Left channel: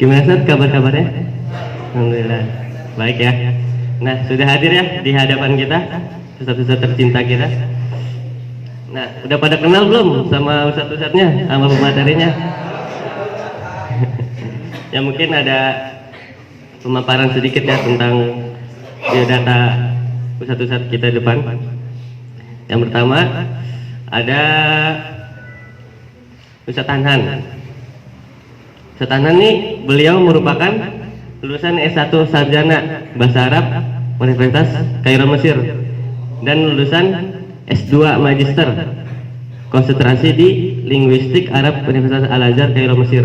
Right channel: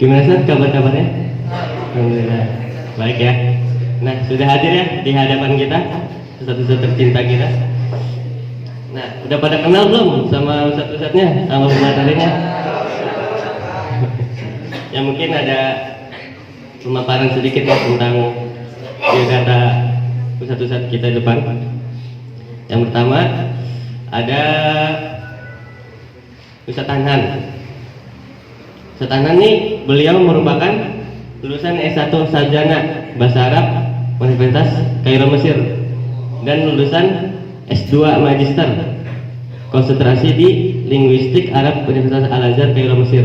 Gimana Ustaz kabar-kabarnya? Alhamdulillah baik ya. Nah, sudah hadir ya di hadapan kita ustaz-ustaz tercinta kita. Nah, udah pada kenal belum sama ustaz-ustaznya, sama pematerinya? Ya mungkin ada pemaparan sedikit ya tentang biodata ustaz-ustaz kita depan. Yang pertama ada Ustaz Hanhan. Ustaz Hanhan nih beliau merupakan lulusan S1 Sarjana Bahasa Arab Universitas Kairo Mesir dan lulusan S2 Magister konsentrasi di Linguistik Arab Universitas Al-Azhar Kairo Mesir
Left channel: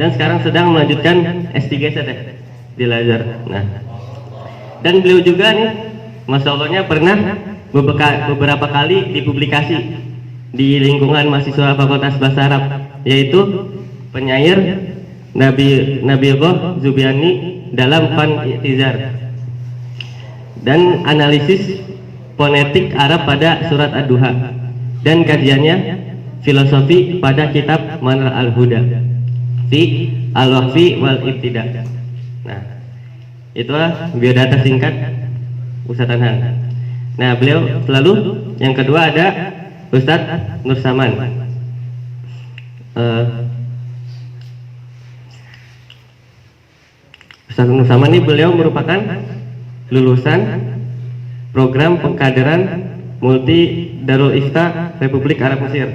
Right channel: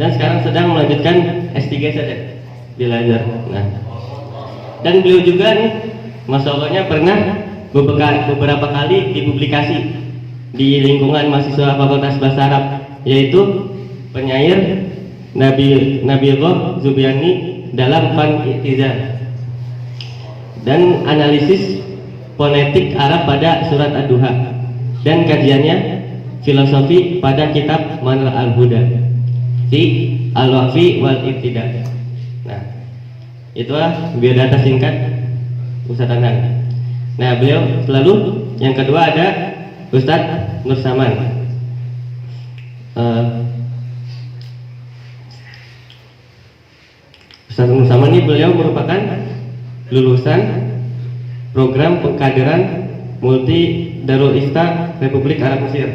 dan sekarang sedang melanjutkan S3 saja di Al-Azhar. Nah, dan beliau juga nih Masya Allahnya pernah beberapa kali dipublikasi di lingkungan mahasiswa Fakultas Bahasa Arab, yaitu penyair Nabiullah Zubiani dalam Fan I'tizar dan analisis fonetik Arab pada surat Ad-Duha dan kajiannya filosofi pada kitab Manar Al-Huda fi Al-Waqfi wal Ibtida. Nah, itulah biodata singkat Ustaz Hanhan. Nah, beliau selalu yang kedua ada Ustaz Nur Saman. Ustaz Nur Saman ini beliau merupakan lulusan program pengkaderan Multi Darul Ifta Republik Arab Mesir.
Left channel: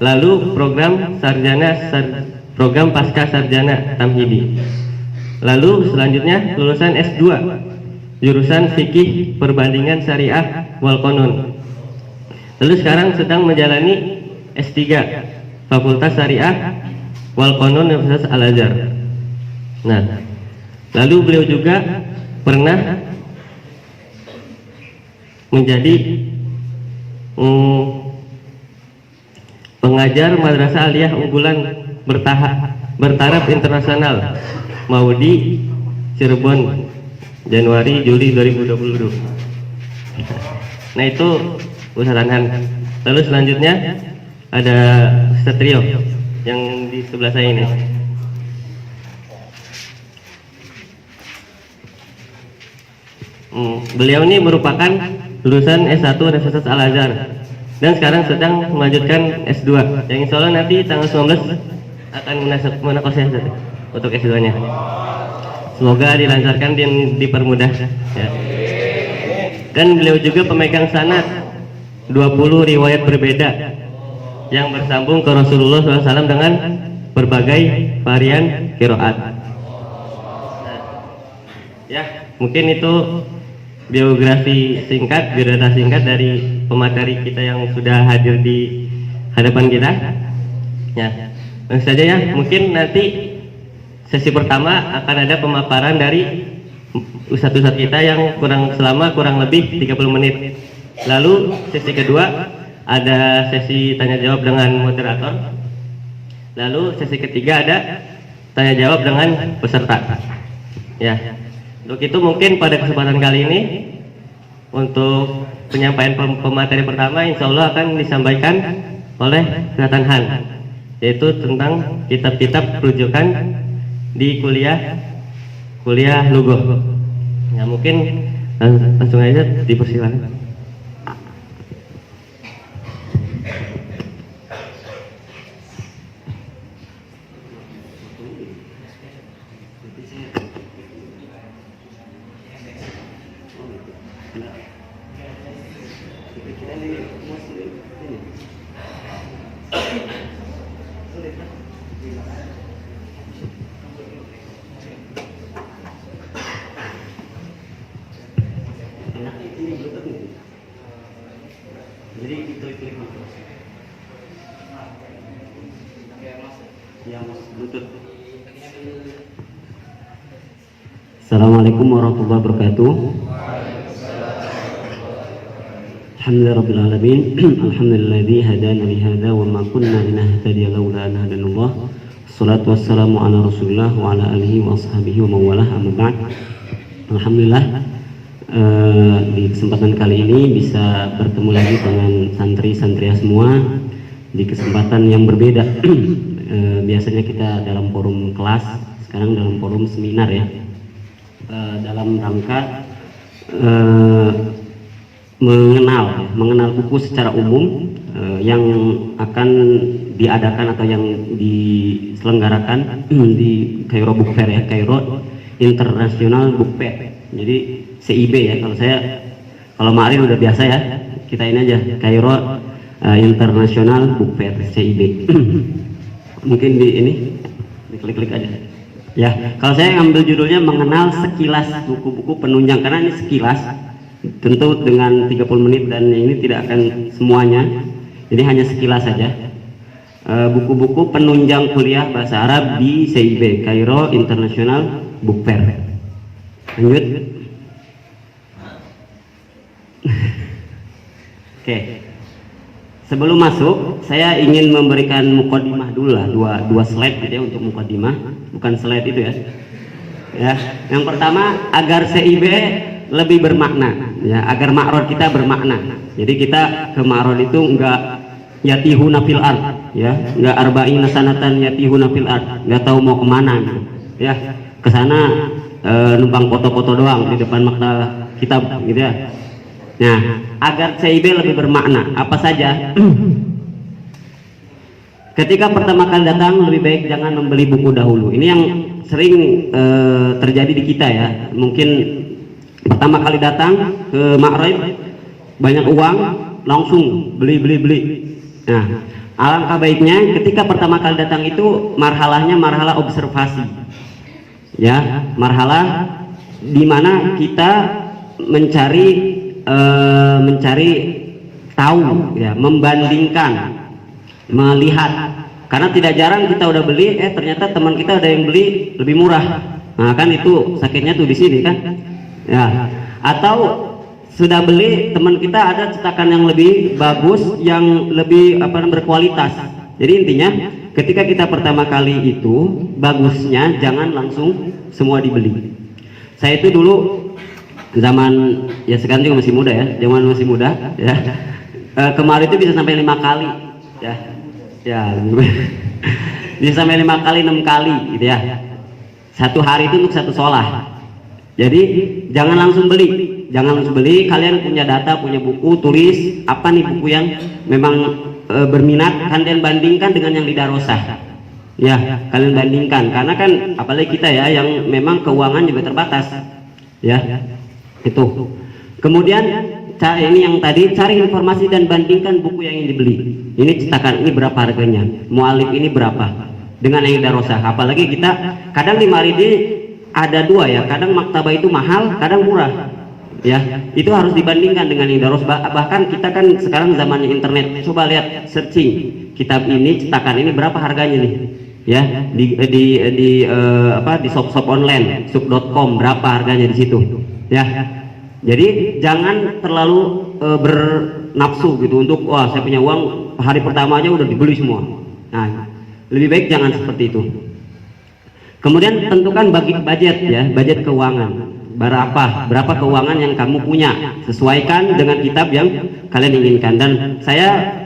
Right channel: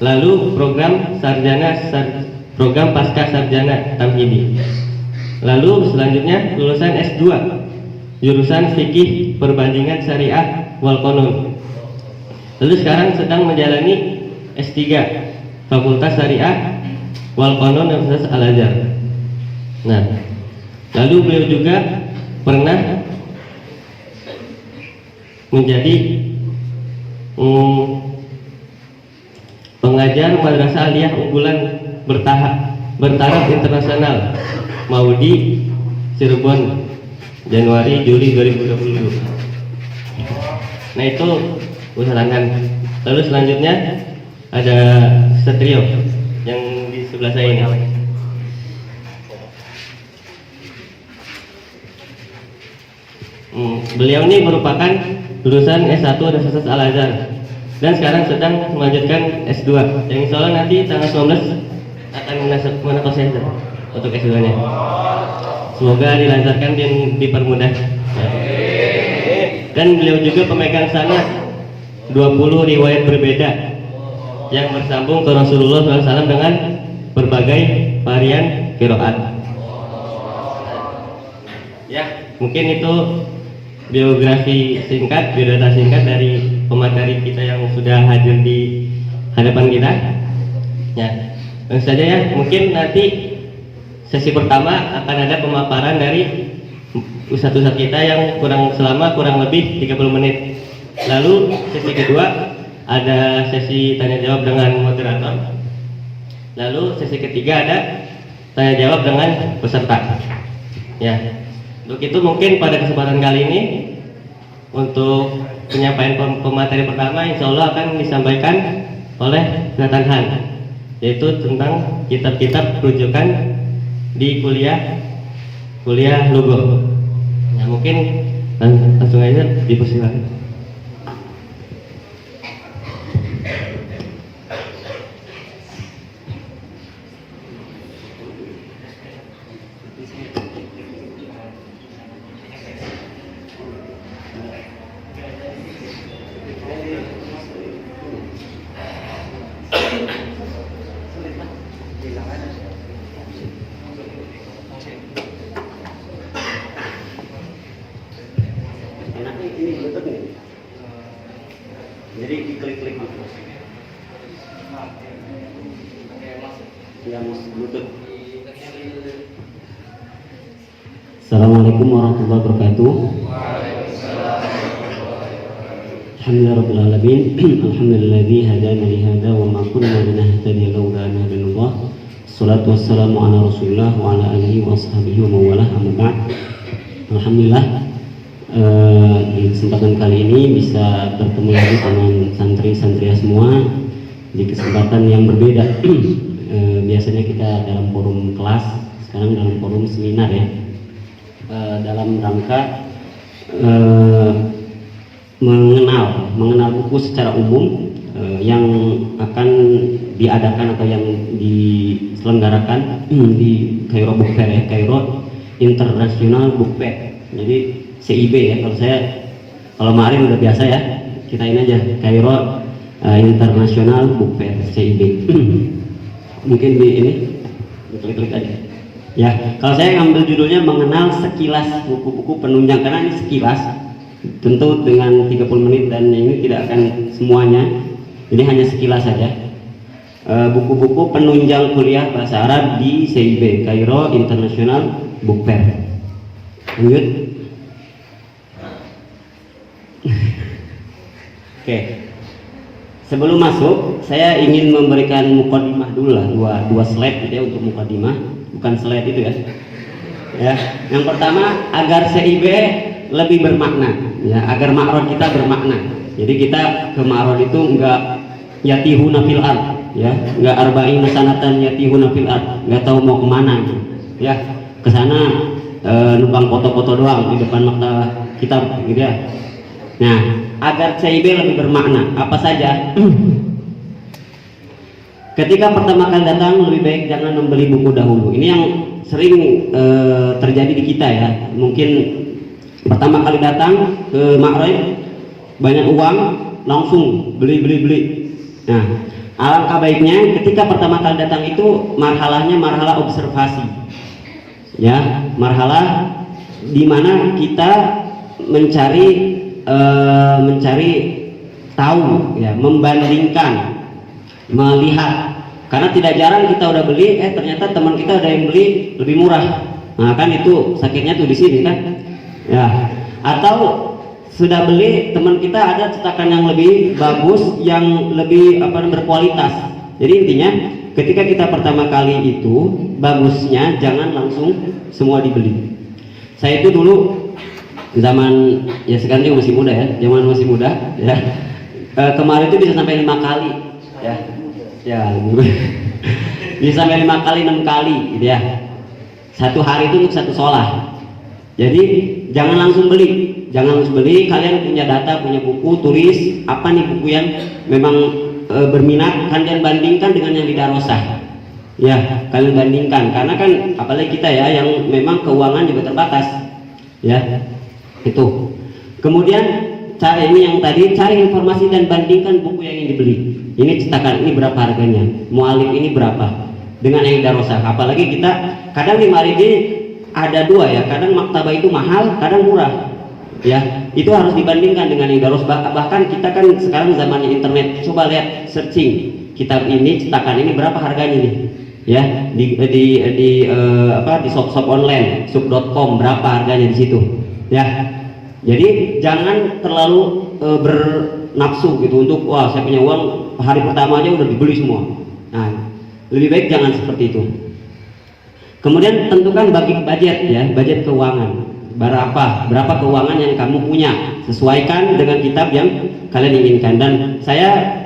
Lalu program pasca sarjana Tamhidi. Lalu selanjutnya lulusan S2 jurusan Fikih Perbandingan Syariah wal Qanun. Lalu sekarang sedang menjalani S3 Fakultas Syariah wal Qanun Universitas Al-Azhar. Nah, lalu beliau juga pernah menjadi pengajar Madrasah Aliyah unggulan bertaraf internasional Maudi Cirebon Januari Juli 2020. Nah, itu Ustaz Hanhan. Lalu selanjutnya ada Ustaz Trio yang di sebelah saya ini. Beliau ini merupakan lulusan S1 Universitas Al-Azhar dan sekarang sedang melanjutkan S2 yang insya Allah nanti tanggal 19 akan menegosiasi untuk S2-nya. Semoga dilancarkan dan dipermudah ya. Dan beliau juga pemegang sanad 20 riwayat berbeda yang bersambung ke Rasulullah SAW dengan berbagai varian qiraat. Ya, mungkin itu biodata singkat dari pemateri kita yang sudah hadir di hadapan kita. Ya, langsung saja ya. Mungkin nanti sesi pertama akan ada pemaparan dari ustadz-ustadz kita yang kurang lebih 30 menit. Lalu sesi kedua ada sesi tanya jawab dengan moderator. Lalu sesi ketiga ada tanya jawab dengan peserta. Ya. Untuk itu mungkin pada kesempatan kali ini untuk penyampaian pemateri pertama insya Allah akan disampaikan oleh Ustaz Hanhan, yaitu tentang kitab-kitab rujukan di kuliah Lugo. Ya, mungkin langsung aja dipersilakan. Jadi diklik-klik gitu. Ya, Bluetooth. Assalamualaikum warahmatullahi wabarakatuh. Alhamdulillahirabbil alamin. Alhamdulilladzi hadana li hadza wa ma kunna linahtadiya laula an hadanallah. Wassalatu wassalamu ala Rasulillah wa ala alihi wa ashabihi wa mawalah, amma ba'd. Alhamdulillah, di kesempatan kali ini bisa bertemu lagi dengan santri-santria semua di kesempatan yang berbeda. Biasanya kita dalam forum kelas, sekarang dalam forum seminar ya, dalam rangka mengenal buku secara umum yang akan diadakan atau yang diselenggarakan di Cairo Book Fair ya, Cairo International Book Fair. Jadi CIB ya, kalau Ma'arif udah biasa ya, kita ini aja Cairo International Book Fair CIB. Mungkin di ini diklik-klik aja ya. Kalau saya ngambil judulnya mengenal sekilas buku-buku penunjang, karena ini sekilas, tentu dengan 30 menit dan ini tidak akan semuanya, jadi hanya sekilas saja. Buku-buku penunjang kuliah bahasa Arab di CIB, Cairo International Book Fair. Lanjut. Oke. Sebelum masuk, saya ingin memberikan mukadimah dulu lah, dua slide gitu ya untuk mukadimah, bukan slide itu ya. Ya, yang pertama agar CIB lebih bermakna, ya, agar ma'rod kita bermakna. Jadi kita ke ma'rod itu enggak yatihuna fil ard, ya, enggak arba'ina sanatan yatihuna fil ard, enggak tahu mau kemana, ya, ke sana numpang foto-foto doang di depan maktabah kitab gitu ya. Nah, agar CIB lebih bermakna, apa saja? Ketika pertama kali datang, lebih baik jangan membeli buku dahulu. Ini yang sering terjadi di kita ya. Mungkin pertama kali datang ke Ma'rif, banyak uang, langsung beli. Nah, alangkah baiknya ketika pertama kali datang itu marhalahnya marhalah observasi, ya, marhalah di mana kita mencari tahu, ya, membandingkan, melihat. Karena tidak jarang kita udah beli, ternyata teman kita ada yang beli lebih murah. Nah kan itu sakitnya tuh di sini kan, ya. Atau sudah beli, teman kita ada cetakan yang lebih bagus, yang lebih berkualitas. Jadi intinya ketika kita pertama kali itu, bagusnya jangan langsung semua dibeli. Saya itu dulu zaman, ya sekarang juga masih muda ya, zaman masih muda ya, kemarin itu bisa sampai 5 kali ya bisa sampai 5 kali 6 kali gitu ya, satu hari itu untuk satu sholah. Jadi jangan langsung beli, kalian punya data, punya buku, tulis apa nih buku yang memang berminat, kalian bandingkan dengan yang di darosah ya, kalian bandingkan, karena kan apalagi kita ya yang memang keuangan juga terbatas ya. Itu. Kemudian ini yang tadi, cari informasi dan bandingkan buku yang ingin dibeli. Ini cetakan ini berapa harganya, mu'alif ini berapa dengan yang darosah. Apalagi kita kadang di Maridi ada dua ya, kadang maktabah itu mahal, kadang murah. Ya, itu harus dibandingkan dengan yang darosah. Bahkan kita kan sekarang zamannya internet, coba lihat searching kitab ini, cetakan ini berapa harganya nih. Ya, di shop-shop online, sub.com berapa harganya di situ. Ya, jadi jangan terlalu bernafsu gitu untuk wah saya punya uang hari pertama aja udah dibeli semua. Nah, lebih baik jangan seperti itu. Kemudian tentukan budget ya, budget keuangan. Berapa keuangan yang kamu punya, sesuaikan dengan kitab yang kalian inginkan. Dan saya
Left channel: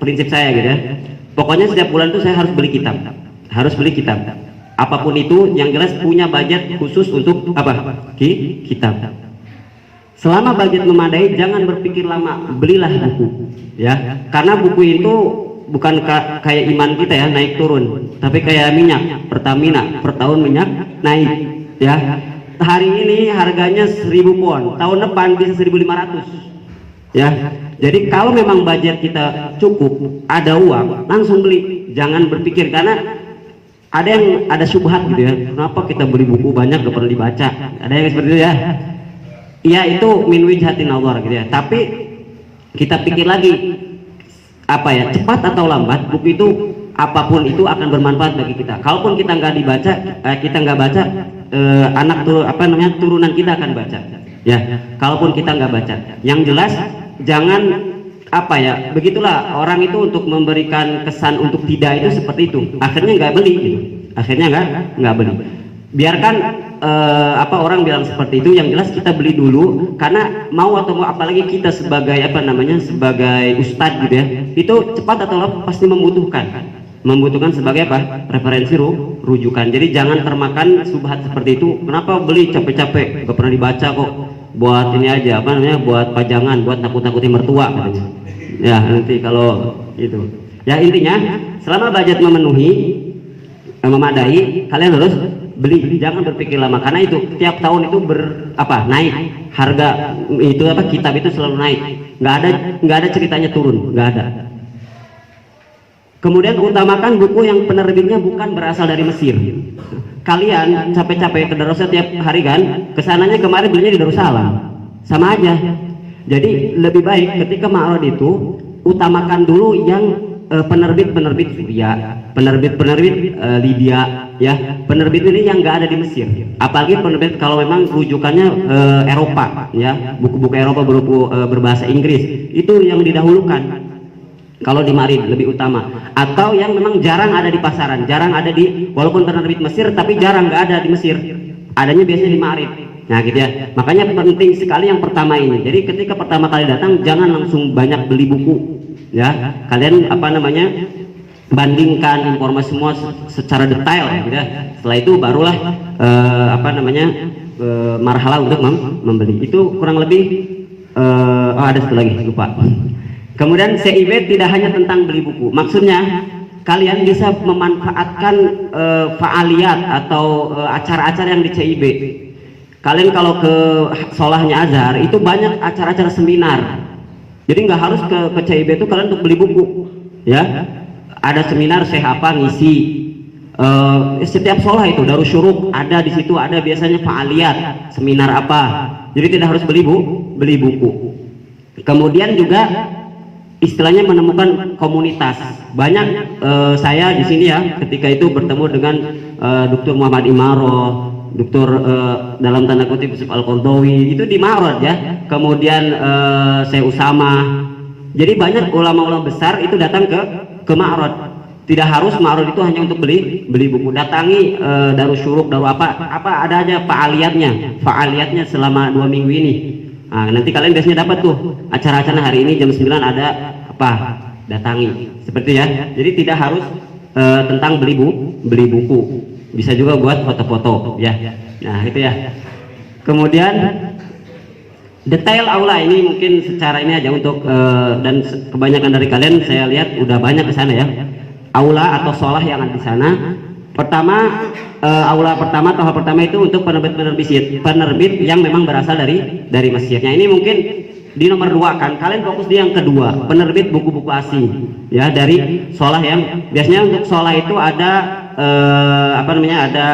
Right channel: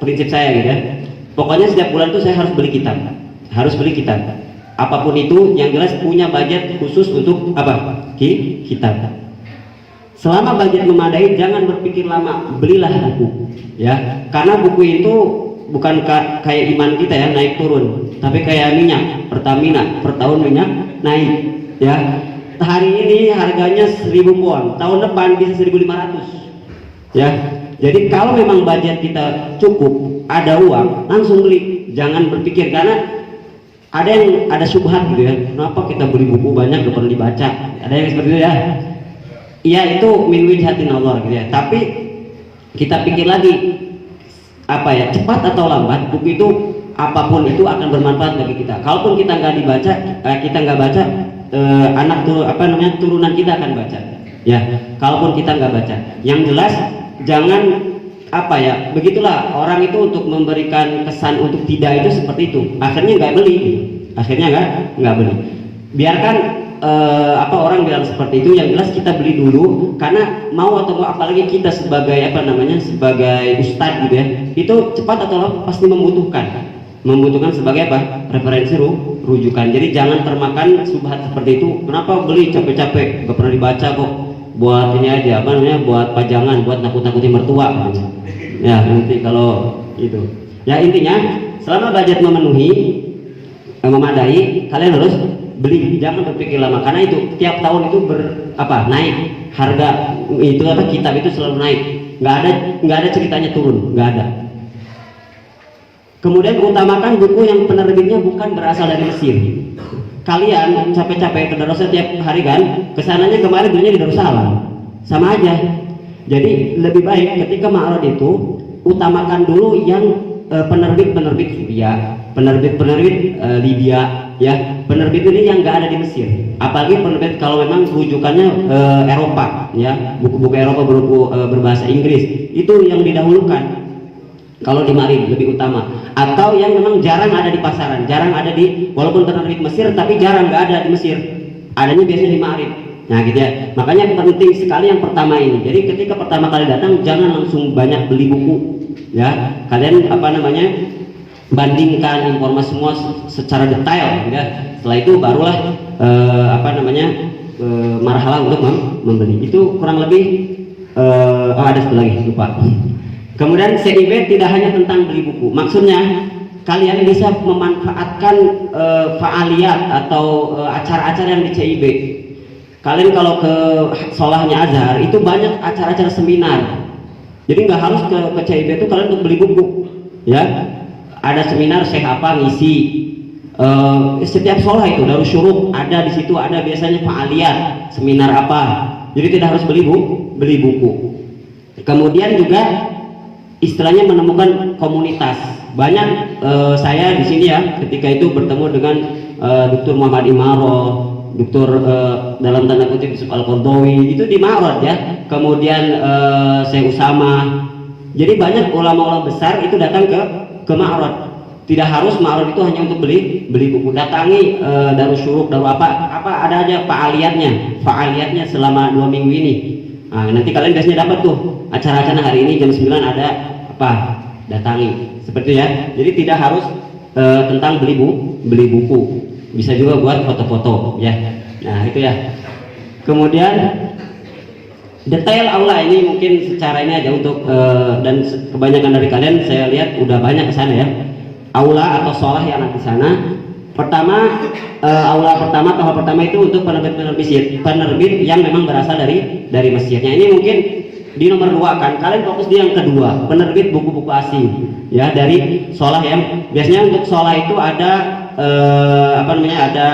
prinsip saya gitu ya. Pokoknya setiap bulan itu saya harus beli kitab. Apapun itu, yang jelas punya budget khusus untuk apa? Kitab. Selama budget memadai, jangan berpikir lama, belilah buku, ya. Karena buku itu bukan kayak iman kita ya, naik turun, tapi kayak minyak, Pertamina, per tahun minyak naik, ya. Hari ini harganya 1.000 won, tahun depan bisa 1.500, ya. Jadi kalau memang budget kita cukup, ada uang, langsung beli, jangan berpikir, karena ada syubhat gitu ya, kenapa kita beli buku banyak gak perlu dibaca, ada yang seperti itu ya. Iya, itu min wijhatin nazar gitu ya, tapi kita pikir lagi cepat atau lambat buku itu apapun itu akan bermanfaat bagi kita. Kalaupun kita nggak baca, turunan kita akan baca ya. Kalaupun kita nggak baca, yang jelas jangan begitulah orang itu untuk memberikan kesan untuk tidak itu seperti itu, akhirnya nggak beli gitu. Akhirnya nggak beli. Biarkan orang bilang seperti itu, yang jelas kita beli dulu karena mau atau mau, apalagi kita sebagai sebagai ustadz gitu ya, itu cepat atau lambat pasti membutuhkan sebagai referensi rujukan. Jadi jangan termakan subhat seperti itu. Kenapa beli capek-capek, gak pernah dibaca kok, buat ini aja buat pajangan, buat nakut-nakuti mertua katanya. Ya nanti kalau itu ya, intinya selama budget memadai, kalian harus beli, jangan berpikir lama, karena itu tiap tahun itu naik harga itu kitab itu selalu naik, nggak ada ceritanya turun, nggak ada. Kemudian utamakan buku yang penerbitnya bukan berasal dari Mesir. Kalian capek-capek ke Darussalam tiap hari kan, kesananya kemarin belinya di Darussalam, sama aja. Jadi lebih baik ketika ma'rad itu utamakan dulu yang penerbit Suriah, penerbit Libya, ya, penerbit ini yang nggak ada di Mesir. Apalagi penerbit kalau memang rujukannya Eropa, ya, buku-buku Eropa berbahasa Inggris, itu yang didahulukan. Kalau di Ma'rib lebih utama, atau yang memang jarang ada di pasaran, jarang ada di, walaupun penerbit Mesir tapi jarang nggak ada di Mesir, adanya biasanya di Ma'rib. Nah gitu ya, makanya penting sekali yang pertama ini. Jadi ketika pertama kali datang jangan langsung banyak beli buku, ya, kalian bandingkan informasi semua secara detail, gitu ya. Setelah itu barulah marhalah untuk membeli. Itu kurang lebih ada satu lagi lupa. Kemudian CIB tidak hanya tentang beli buku, maksudnya kalian bisa memanfaatkan fa'aliyat atau acara-acara yang di CIB. Kalian kalau ke Solahnya Azhar itu banyak acara-acara seminar, jadi nggak harus ke CIB itu kalian untuk beli buku, ya. Ada seminar Syekh apa ngisi, setiap Solah itu Darus Syuruk ada di situ, ada biasanya fa'aliyat seminar apa, jadi tidak harus beli buku. Kemudian juga istilahnya menemukan komunitas. Banyak saya di sini ya, ketika itu bertemu dengan Dr. Muhammad Imaro, Dr. dalam tanda kutip Yusuf Al-Qardawi, itu di Ma'rad ya. Kemudian saya Usama. Jadi banyak ulama-ulama besar itu datang ke Ma'rad. Tidak harus Ma'rad itu hanya untuk beli buku. Datangi Darus Syuruk, apa ada aja fa'aliyatnya selama 2 minggu ini. Nah, nanti kalian biasanya dapat tuh acara-acara hari ini jam 9 ada apa, datangi seperti ya. Jadi tidak harus tentang beli buku, bisa juga buat foto-foto ya. Nah itu ya. Kemudian detail aula ini mungkin secara ini aja untuk dan kebanyakan dari kalian saya lihat udah banyak ke sana ya, aula atau sholah yang ada di sana. Pertama, aula pertama, tahap pertama itu untuk penerbit yang memang berasal dari Mesirnya. Ini mungkin di nomor 2 kan, kalian fokus di yang kedua, penerbit buku-buku asing ya dari sholah yang biasanya untuk sholah itu ada ada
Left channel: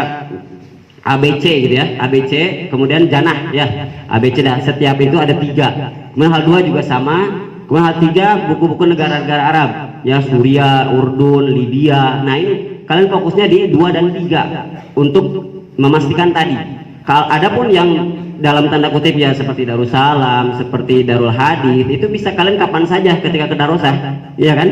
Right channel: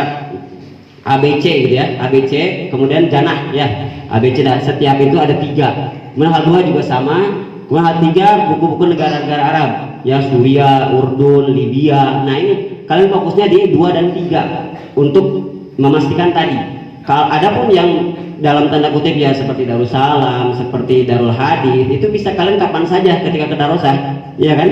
ABC gitu ya, ABC, kemudian janah ya, ABC setiap itu ada 3. Kemudian hal 2 juga sama, kemudian hal 3 buku-buku negara-negara Arab ya, Suriah, Urdun, Libya. Nah ini kalian fokusnya di 2 dan 3 untuk memastikan tadi. Kalau ada pun yang dalam tanda kutip ya seperti Darussalam, seperti Darul Hadis, itu bisa kalian kapan saja ketika ke Darussalam, ya kan?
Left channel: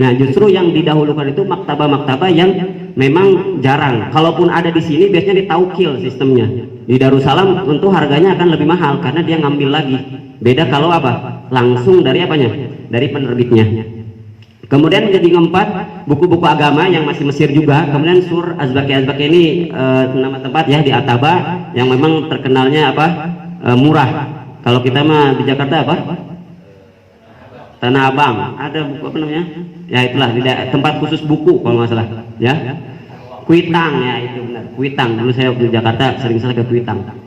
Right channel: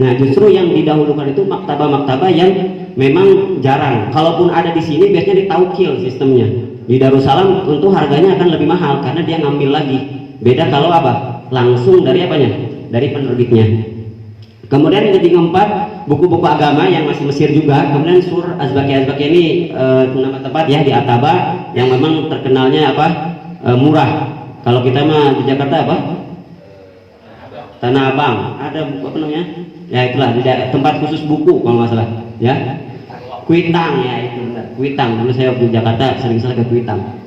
Nah justru yang didahulukan itu maktabah-maktabah yang memang jarang. Kalaupun ada di sini biasanya ditaukil sistemnya. Di Darussalam tentu harganya akan lebih mahal karena dia ngambil lagi. Beda kalau langsung dari dari penerbitnya. Kemudian jadi keempat, buku-buku agama yang masih Mesir juga. Kemudian Sur Azbaki ini nama tempat ya di Ataba yang memang terkenalnya murah. Kalau kita mah di Jakarta Tanah Abang, ada buku ya itulah tempat khusus buku kalau nggak salah ya. Kuitang ya, itu benar, Kuitang. Dulu saya di Jakarta sering ke Kuitang.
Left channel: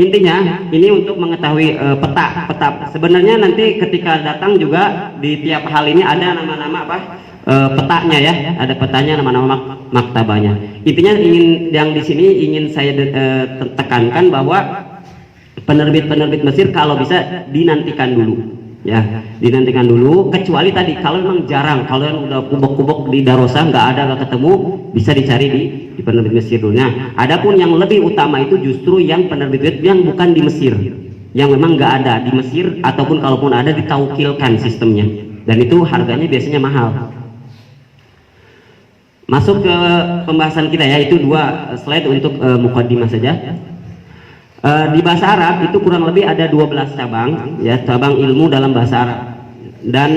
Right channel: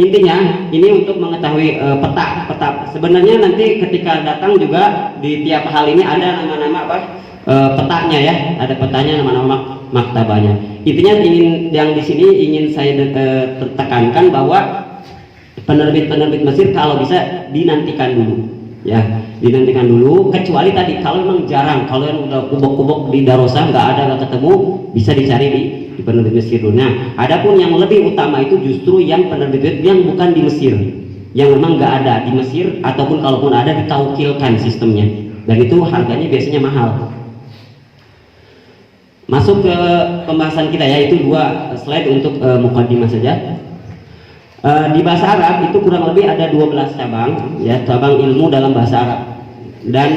Intinya ini untuk mengetahui peta. Sebenarnya nanti ketika datang juga di tiap hal ini ada nama-nama petanya ya, ada petanya, nama-nama maktabahnya. Intinya yang di sini ingin saya tekankan bahwa penerbit Mesir kalau bisa dinantikan dulu ya, dinantikan dulu. Kecuali tadi kalau memang jarang, kalau yang udah kubok-kubok di Darussalam nggak ketemu, bisa dicari di penerbit Mesir dulu. Nah, adapun yang lebih utama itu justru yang penerbit yang bukan di Mesir, yang memang nggak ada di Mesir, ataupun kalaupun ada ditaukilkan sistemnya, dan itu harganya biasanya mahal. Masuk ke pembahasan kita ya, itu 2 slide untuk mukaddimah saja. Di bahasa Arab itu kurang lebih ada 12 cabang ya, cabang ilmu dalam bahasa Arab. Dan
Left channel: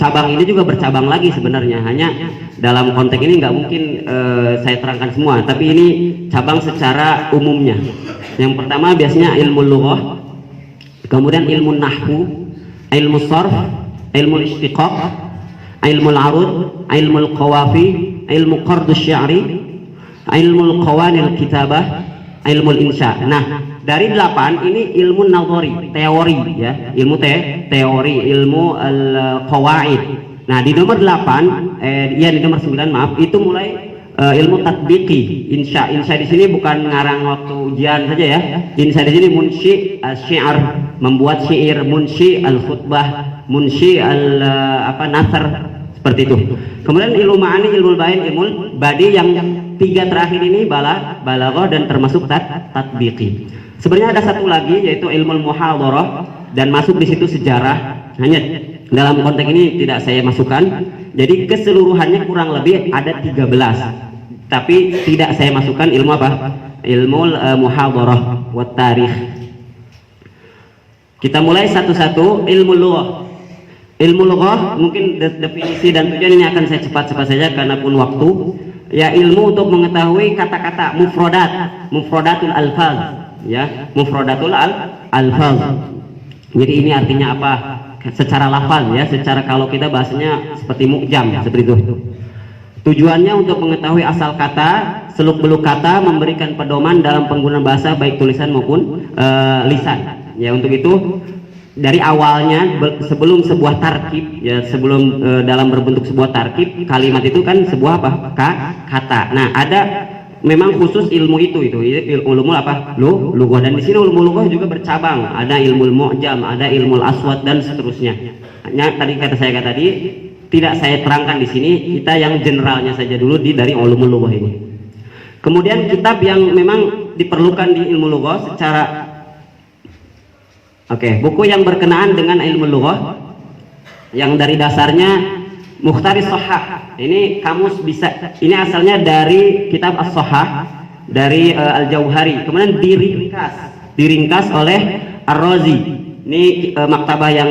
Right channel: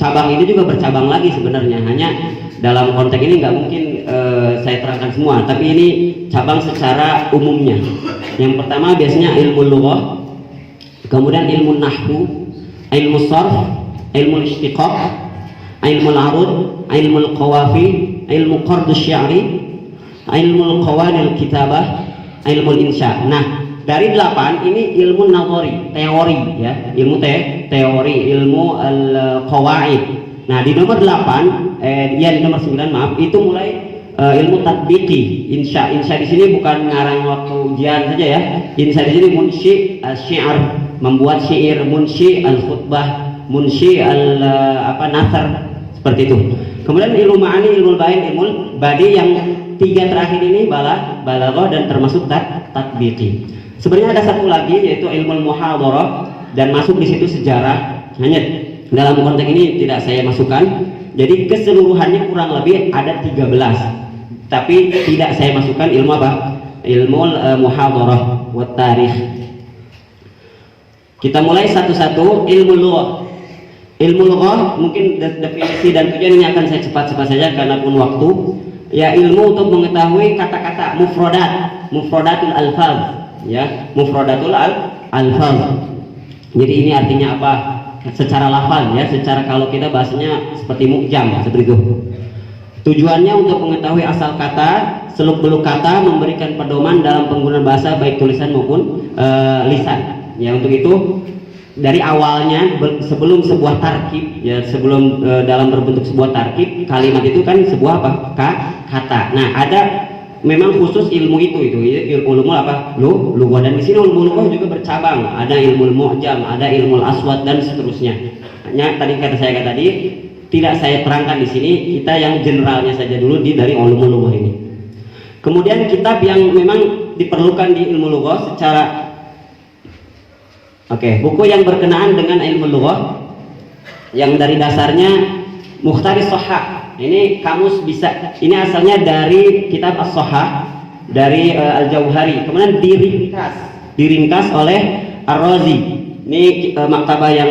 cabang ini juga bercabang lagi sebenarnya, hanya dalam konteks ini nggak mungkin saya terangkan semua, tapi ini cabang secara umumnya. Yang pertama biasanya ilmu lughah, kemudian ilmu nahwu, ilmu sharf, ilmu istiqaq, ilmu al-arud, ilmu al-qawafi, ilmu qard asy-syi'ri, ilmu qawanil kitabah, ilmu insya. Nah, dari 8 ini ilmu nazari, teori ya, ilmu teori, ilmu al-qawaid. Nah, di nomor 8 di nomor 9 maaf, itu mulai ilmu tatbiqi, insya. Insya di sini bukan ngarang waktu ujian saja ya. Insya di sini munshi al-syi'r, membuat syair, munshi al-khutbah, munshi nasr, seperti itu. Kemudian ilmu ma'ani, ilmu bayan, ilmu badi, yang 3 terakhir ini balaghah dan termasuk tatbiqi. Sebenarnya ada satu lagi yaitu ilmu muhadharah, dan masuk di situ sejarah. Hanya dalam konteks ini tidak saya masukkan. Jadi keseluruhannya kurang lebih ada 13. Tapi tidak saya masukkan ilmu apa? Ilmu muhadharah wa tarikh. Kita mulai satu-satu. Ilmu lughah. Ilmu lughah mungkin definisi dan tujuan ini akan saya cepat-cepat saja karena pun waktu. Ya, ilmu untuk mengetahui kata-kata mufradatul alfaz, ya, mufradatul alfaz. Jadi ini artinya apa? Secara lafal ya, secara kalau kita bahasanya seperti mukjam ya, seperti itu. Tujuannya untuk mengetahui asal kata, seluk-beluk kata, memberikan pedoman dalam penggunaan bahasa baik tulisan maupun lisan. Ya, untuk itu dari awalnya sebelum sebuah tarkib ya, sebelum dalam berbentuk sebuah tarkib, kalimat itu kan sebuah apa? Kata. Nah, ada memang khusus ilmu itu ilmu apa? Lughah. Dan di sini ilmu lughah juga bercabang. Ada ilmu mu'jam, ada ilmu aswad dan seterusnya. Hanya tadi saya tadi tidak saya terangkan di sini, kita yang generalnya saja dulu dari ilmu lughah ini. Kemudian kitab yang memang diperlukan di ilmu lughah secara buku yang berkenaan dengan ilmu lughah yang dari dasarnya Mukhtaris Shahah. Ini kamus bisa, ini asalnya dari kitab As-Shahah dari Al-Jauhari. Kemudian diringkas oleh Ar-Razi. Ini maktabah yang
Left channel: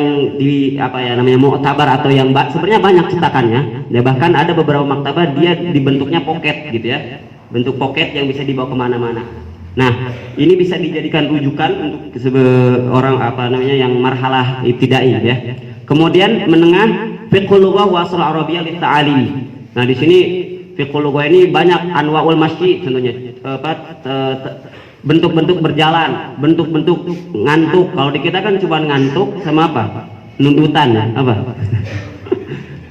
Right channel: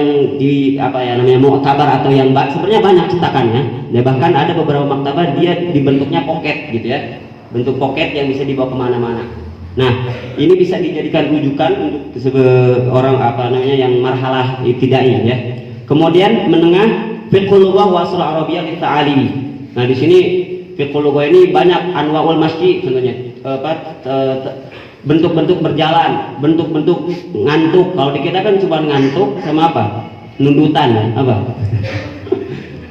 mu'tabar atau yang sebenarnya banyak cetakannya. Ya, bahkan ada beberapa maktabah dia dibentuknya pocket gitu ya. Bentuk pocket yang bisa dibawa kemana-mana. Nah, ini bisa dijadikan rujukan untuk orang yang marhalah ibtidaiyah ya. Kemudian menengah fiqhul lughah wa asrul arabiyyah lit-ta'alimi. Nah, di sini fiqhul lughah ini banyak anwaul masyi contohnya. Bentuk-bentuk berjalan, bentuk-bentuk ngantuk. Kalau di kita kan cuma ngantuk sama apa? Nundutan ya, apa?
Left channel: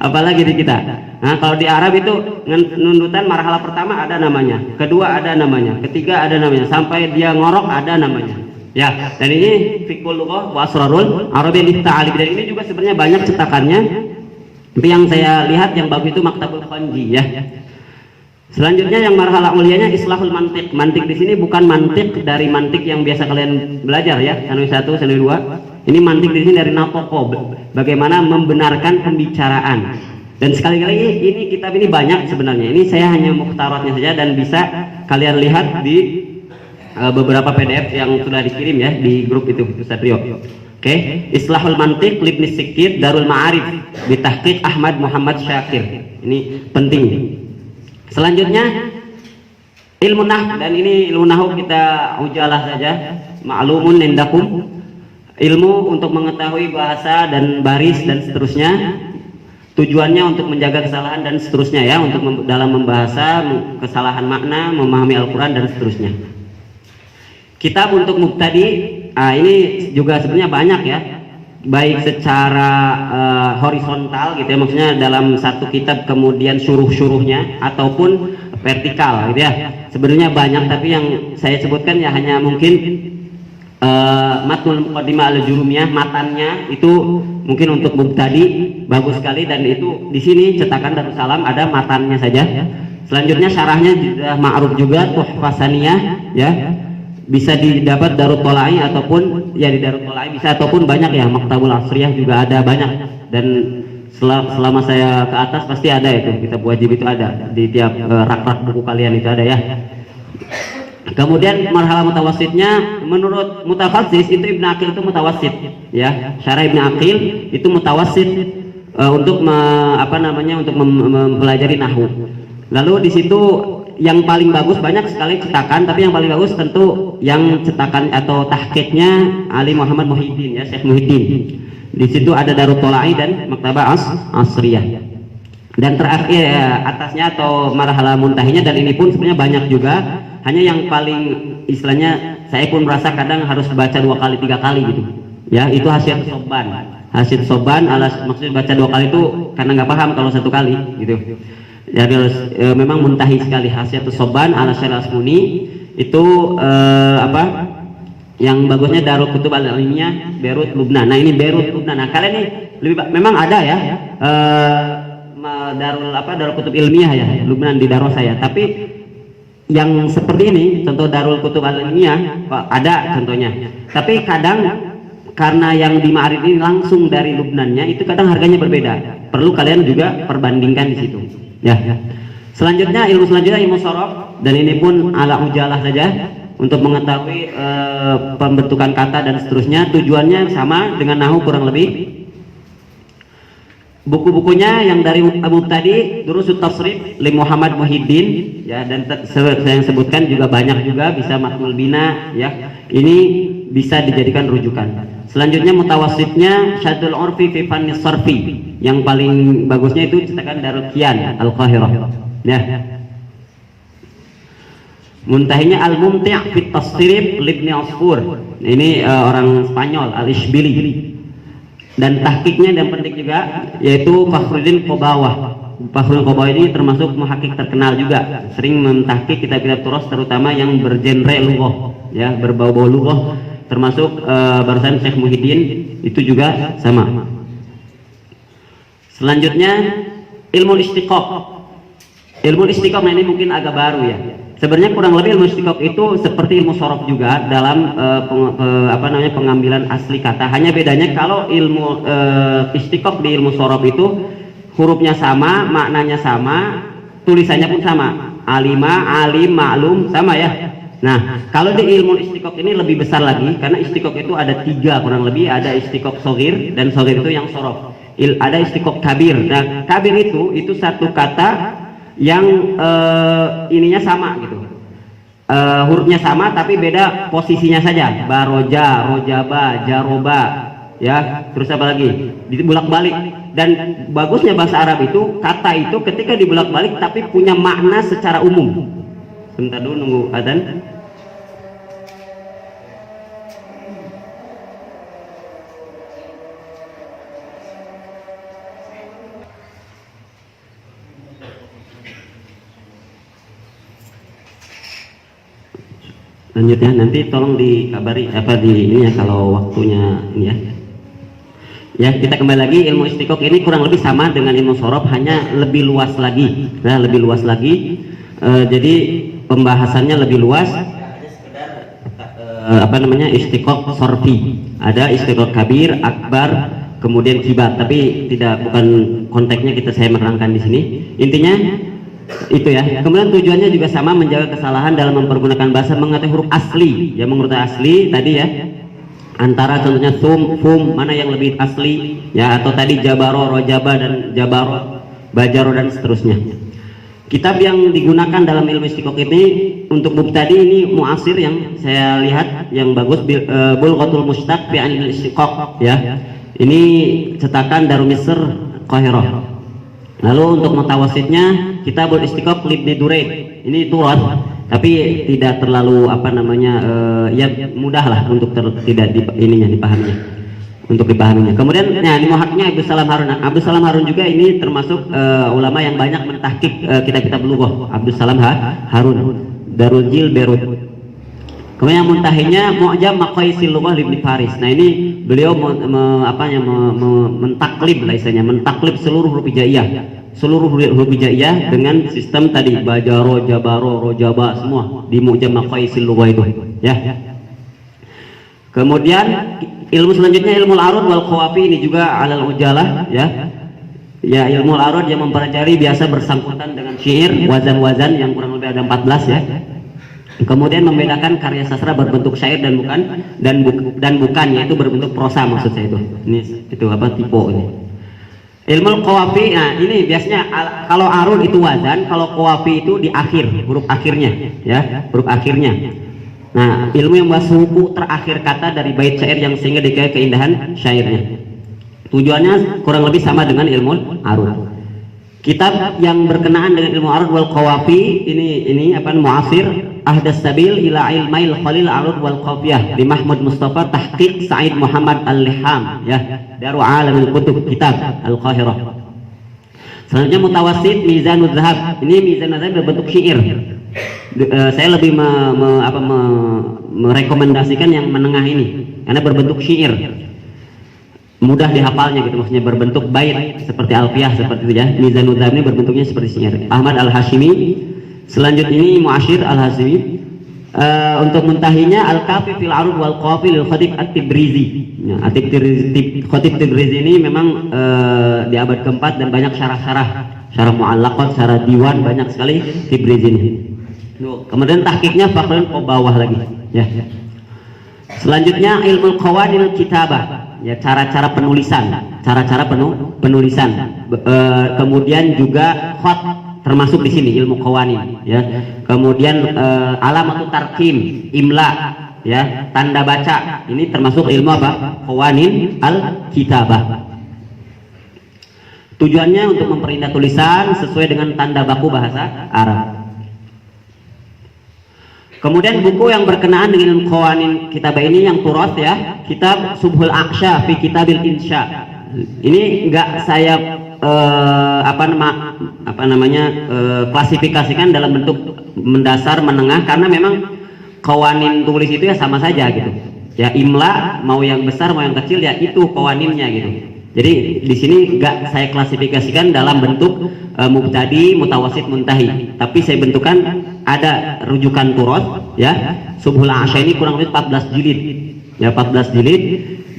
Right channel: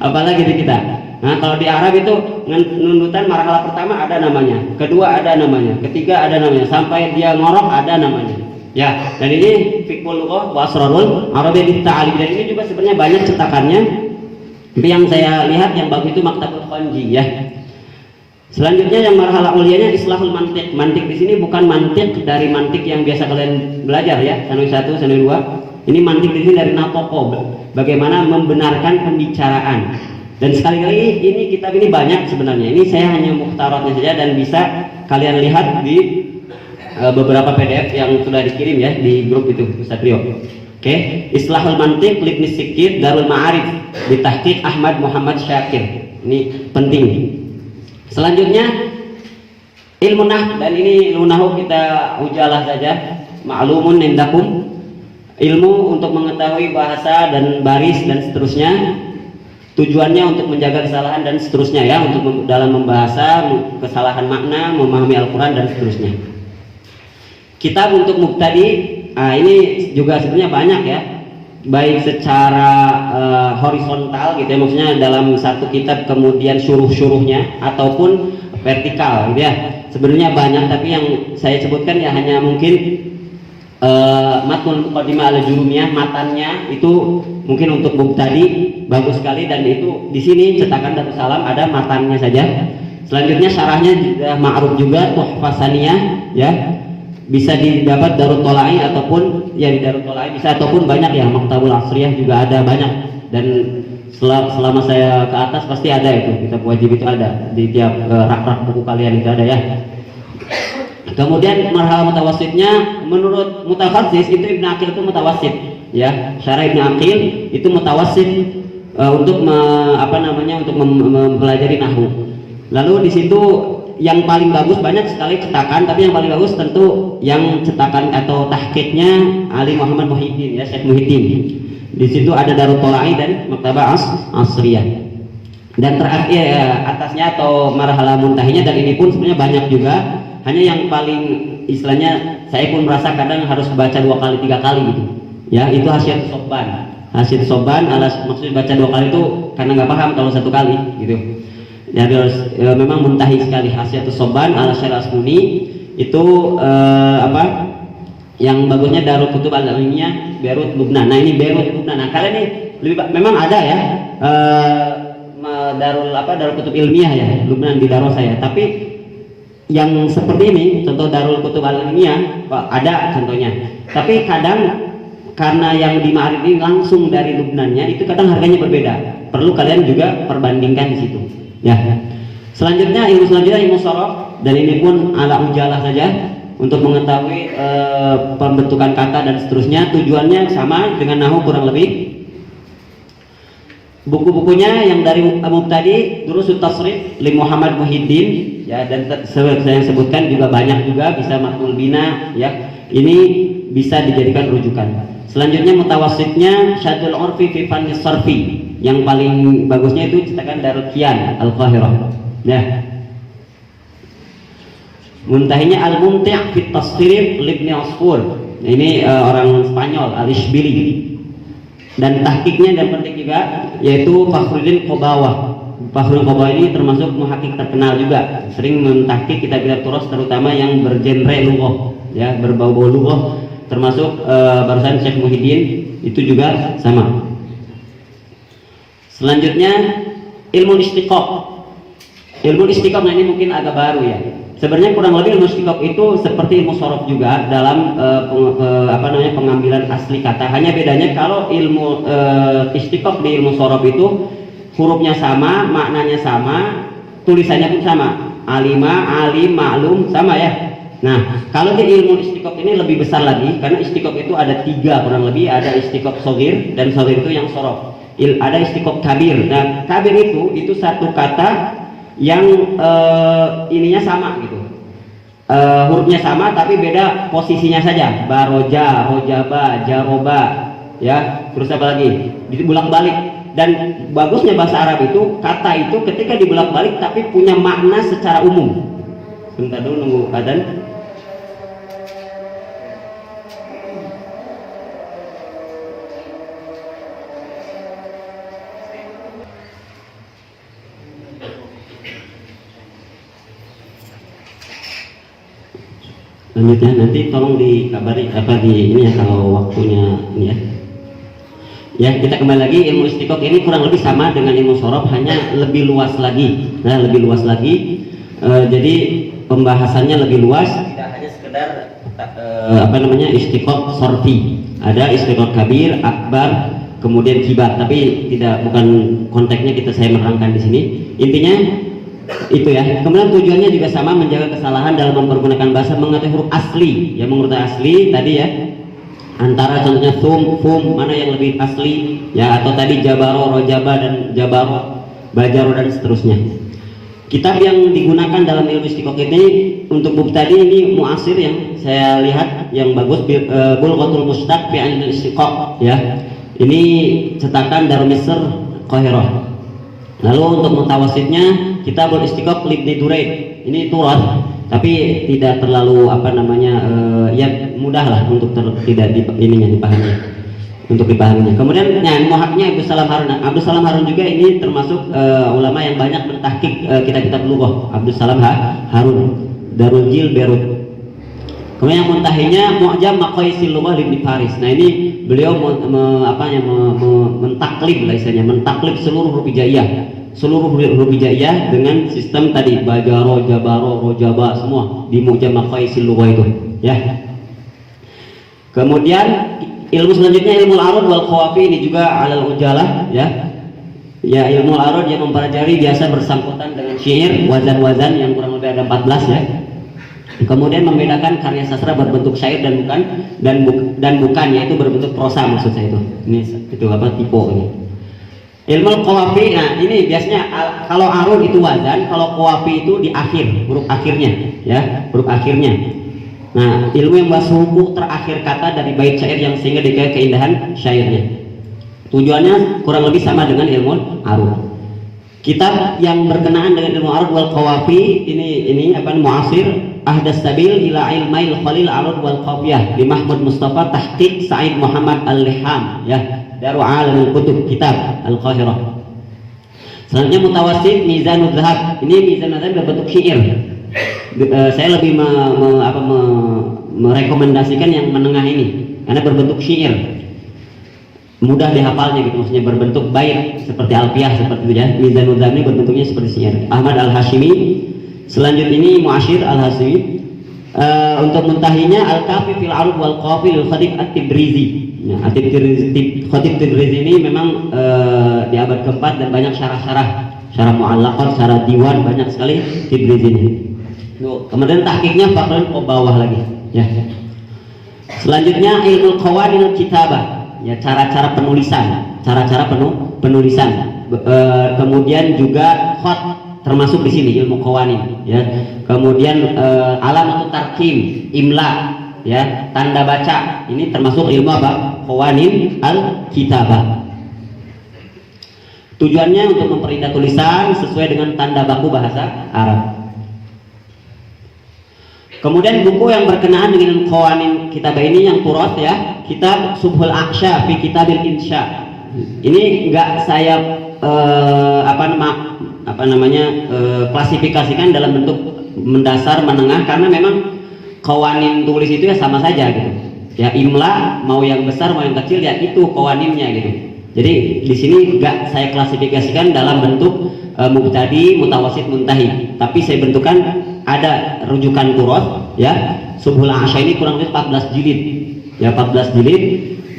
Apalagi di kita. Nah, kalau di Arab itu nundutan marhalah pertama ada namanya, kedua ada namanya, ketiga ada namanya, sampai dia ngorok ada namanya. Ya, dan ini fiqhul lughah wa asrarul arabiyyah lit-ta'alim. Dan ini juga sebenarnya banyak cetakannya. Tapi yang saya lihat yang bagus itu Maktabul Khanji ya. Selanjutnya yang marhalah ulianya islahul mantiq. Mantiq di sini bukan mantiq dari mantiq yang biasa kalian belajar ya, sanwi 1, sanwi 2. Ini mantiq di sini dari natoko, bagaimana membenarkan pembicaraan. Dan sekali lagi ini kitab ini banyak sebenarnya. Ini saya hanya mukhtaratnya saja dan bisa kalian lihat di beberapa PDF yang sudah dikirim ya di grup itu Ustaz Rio. Islahul Mantiq Ibnu Sikit Darul Ma'arif bitahqiq Ahmad Muhammad Syakir. Ini penting. Selanjutnya ilmu nahwu, dan ini ilmu nahwu kita ujalah saja, ma'lumun indakum, ilmu untuk mengetahui bahasa dan baris dan seterusnya. Tujuannya untuk menjaga kesalahan dan seterusnya ya, untuk dalam membahasa kesalahan makna, memahami Al-Quran dan seterusnya. Kitab untuk mubtadi, ini juga sebenarnya banyak ya, baik secara horizontal gitu ya, maksudnya dalam satu kitab kemudian syuruh-syuruhnya ataupun vertikal gitu ya. Sebenarnya banyak, tapi yang saya sebutkan ya hanya mungkin matnul muqaddimah al-jurumiyah, matannya itu mungkin untuk mubtadi bagus sekali, dan itu di sini cetakan Darussalam ada matannya saja. Selanjutnya syarahnya juga ma'ruf juga, Tuhfah Saniyah ya, bisa didapat Darut Tolai ataupun ya di Darut Tolai bisa, ataupun banyak ya Maktabul Asriyah juga ada banyak. Dan selama saya ke atas pasti ada itu, kitab wajib itu ada di tiap rak-rak buku kalian itu ada ya. Kemudian marhalah mutawassitnya menurut mutafassis itu Ibnu Aqil itu mutawassit ya. Syarah Ibnu Aqil itu mutawassit untuk untuk mempelajari nahwu. Lalu di situ yang paling bagus, banyak sekali cetakan, tapi yang paling bagus tentu yang cetakan atau tahqiqnya Ali Muhammad Muhyiddin ya, Syekh Muhyiddin. Di situ ada Darut Tolai dan Maktabah Asriyah. Dan terakhir atasnya atau marhalah muntahinya, dan ini pun sebenarnya banyak juga, hanya yang paling istilahnya saya pun merasa kadang harus baca 2 kali 3 kali gitu. Ya, itu Hasyiatus Sobban. Hasyiatus Sobban maksudnya baca 2 kali itu karena nggak paham kalau 1 kali gitu. Jadi memang muntahi sekali. Hasyiatus Sobban ala Syarah Asmuni itu yang bagusnya Darul Kutub Al-Ilmiyah Beirut Lubnan. Nah ini Beirut Lubnan. Nah kalian ini memang ada ya Darul Kutub Ilmiah ya Lubnan di Darul saya. Tapi yang seperti ini contoh Darul Kutub Al-Ilmiyah ada contohnya. Tapi kadang karena yang di Ma'arif ini langsung dari Lubnannya itu kadang harganya berbeda. Perlu kalian juga perbandingkan di situ. Ya. Selanjutnya ilmu shorof, dan ini pun ala ujalah saja untuk mengetahui pembentukan kata dan seterusnya. Tujuannya sama dengan nahwu kurang lebih. Buku-bukunya yang dari Mubtadi, Durusut Tasrif li Muhammad Muhyiddin ya, dan saya sebutkan juga banyak juga, bisa Makmul Bina ya. Ini bisa dijadikan rujukan. Selanjutnya mutawassitnya Syadul Urfi fi Fannis Sarfi. Yang paling bagusnya itu cetakan Darul Kian Al-Qahirah ya. Muntahinya Al-Mumti' fi Tasrif Ibnu Asfur. Ini orang Spanyol, Al-Ishbili. Dan tahqiqnya dan penting juga yaitu Fakhruddin Qobawah. Fakhruddin Qobawah ini termasuk muhakkik terkenal juga, sering mentahqiq kitab-kitab turas terutama yang bergenre lughah ya, berbau-bau lughah, termasuk barusan Syekh Muhyiddin itu juga sama. Selanjutnya ilmu istiqaq. Ilmu istiqaq, nah ini mungkin agak baru ya. Sebenarnya kurang lebih ilmu istiqaq itu seperti ilmu shorof juga dalam pengambilan asli kata. Hanya bedanya kalau ilmu istiqaq di ilmu shorof itu hurufnya sama, maknanya sama, tulisannya pun sama. Alima, alim, ma'lum sama ya. Nah, kalau di ilmu istiqaq ini lebih besar lagi, karena istiqaq itu ada 3 kurang lebih, ada istiqaq shogir, dan shogir itu yang shorof. Ada istiqaq kabir. Nah, kabir itu satu kata yang ininya sama gitu, hurufnya sama tapi beda posisinya saja. Baroja, rojaba, jaroba ya, terus apa lagi, dibulak balik. Dan bagusnya bahasa Arab itu kata itu ketika dibulak balik tapi punya makna secara umum. Sebentar dulu nunggu adzan. Lanjutnya nanti tolong dikabari ini ya kalau waktunya ini ya. Ya, kita kembali lagi, ilmu istiqaq ini kurang lebih sama dengan ilmu shorof, hanya lebih luas lagi. Nah, lebih luas lagi. Jadi pembahasannya lebih luas. Tidak hanya sekedar istiqaq sorfi. Ada istiqaq kabir, akbar, kemudian kibar. Tapi bukan konteksnya saya menerangkan di sini. Intinya itu ya. Kemudian tujuannya juga sama, menjaga kesalahan dalam mempergunakan bahasa, mengetahui huruf asli ya, mengurut asli tadi ya, antara contohnya fum mana yang lebih asli ya, atau tadi jabaro, rojaba dan jabaro, bajaro dan seterusnya. Kitab yang digunakan dalam ilmu istiqaq ini untuk mubtadi ini muasir yang saya lihat yang bagus, Bulghatul Mushtaq fi Ilmil Istiqaq ya. Ini cetakan Darul Misr Qahirah. Lalu untuk mutawassitnya Kitabul Istiqaq Ibnu Duraid. Ini turas tapi tidak terlalu ya mudah lah untuk dipahaminya. Untuk dipahaminya. Kemudian ini muhakkiknya Abdus Salam Harun. Abdus Salam Harun juga ini termasuk ulama yang banyak mentahqiq kitab-kitab lughah. Abdus Salam Harun, Darul Jil Beirut. Kemudian yang muntahinya Mu'jam Maqayisil Lughah Ibnu Faris. Nah ini beliau mentaklib lah istilahnya, mentaklib seluruh huruf hijaiyah. Seluruh huruf hijaiyah dengan sistem tadi bajaro, jabaro, rojaba semua di Mu'jam Maqayisil Lughah itu ya. Kemudian ilmu selanjutnya ilmu al-arud wal qawafi, ini juga alal ujalah ya. Ya, ilmu al-arud yang mempelajari biasa bersangkutan dengan syair, wazan-wazan yang kurang lebih ada 14 ya. Kemudian membedakan karya sastra berbentuk syair dan bukan yaitu berbentuk prosa maksud saya itu. Ini itu apa tipe ini. Ilmu qawafi, nah ini biasanya kalau arud itu wazan, kalau qawafi itu di akhir, huruf akhirnya ya, huruf akhirnya. Nah, ilmu yang membahas hukum terakhir kata dari bait syair yang sehingga dikaya keindahan syairnya. Tujuannya kurang lebih sama dengan ilmu arud. Kitab yang berkenaan dengan ilmu arud wal qawafi ini apa muasir ahdas sabil ila ilmail khalil arud wal qafiyah di Mahmud Mustafa tahqiq Said Muhammad Al-Liham ya, Darul Alamul Kutub kitab Al-Qahirah. Selanjutnya mutawassit Mizanud Zahab. Ini Mizanud Zahab berbentuk syair. Saya lebih merekomendasikan yang menengah ini karena berbentuk syair. Mudah dihafalnya gitu, maksudnya berbentuk bait seperti alfiyah seperti itu ya. Mizanud Zahab ini berbentuknya seperti syair. Ahmad Al-Hashimi. Selanjutnya ini Mu'ashir Al-Hashimi. Untuk muntahinya Al-Kafi fil Arud wal Qafi lil Khatib At-Tibrizi. Ya, Khatib Tibrizi ini memang di abad keempat dan banyak syarah mu'allaqat, syarah diwan banyak sekali Tibrizi ini. Kemudian tahqiqnya Fakhrul bawah lagi ya. Selanjutnya ilmu qawadil kitabah. Ya, cara-cara penulisan, penulisan. Kemudian juga khat termasuk di sini ilmu qawanin ya. Kemudian alamat tarkim, imla ya, tanda baca. Ini termasuk ilmu apa? Qawanin al-kitabah. Tujuannya untuk memperindah tulisan sesuai dengan tanda baku bahasa Arab. Kemudian buku yang berkenaan dengan qawanin kitabah ini yang turas ya, kitab Subhul Aksha fi Kitabil Insya. Ini enggak saya klasifikasikan dalam bentuk mendasar menengah karena memang qawanin tulis itu ya sama saja gitu. Ya imla mau yang besar mau yang kecil ya itu qawaninnya gitu. Jadi di sini enggak saya klasifikasikan dalam bentuk mubtadi, mutawasit, muntahi. Tapi saya bentukkan ada rujukan turas ya. Subhul Aksha ini kurang lebih 14 jilid. Ya 14 jilid.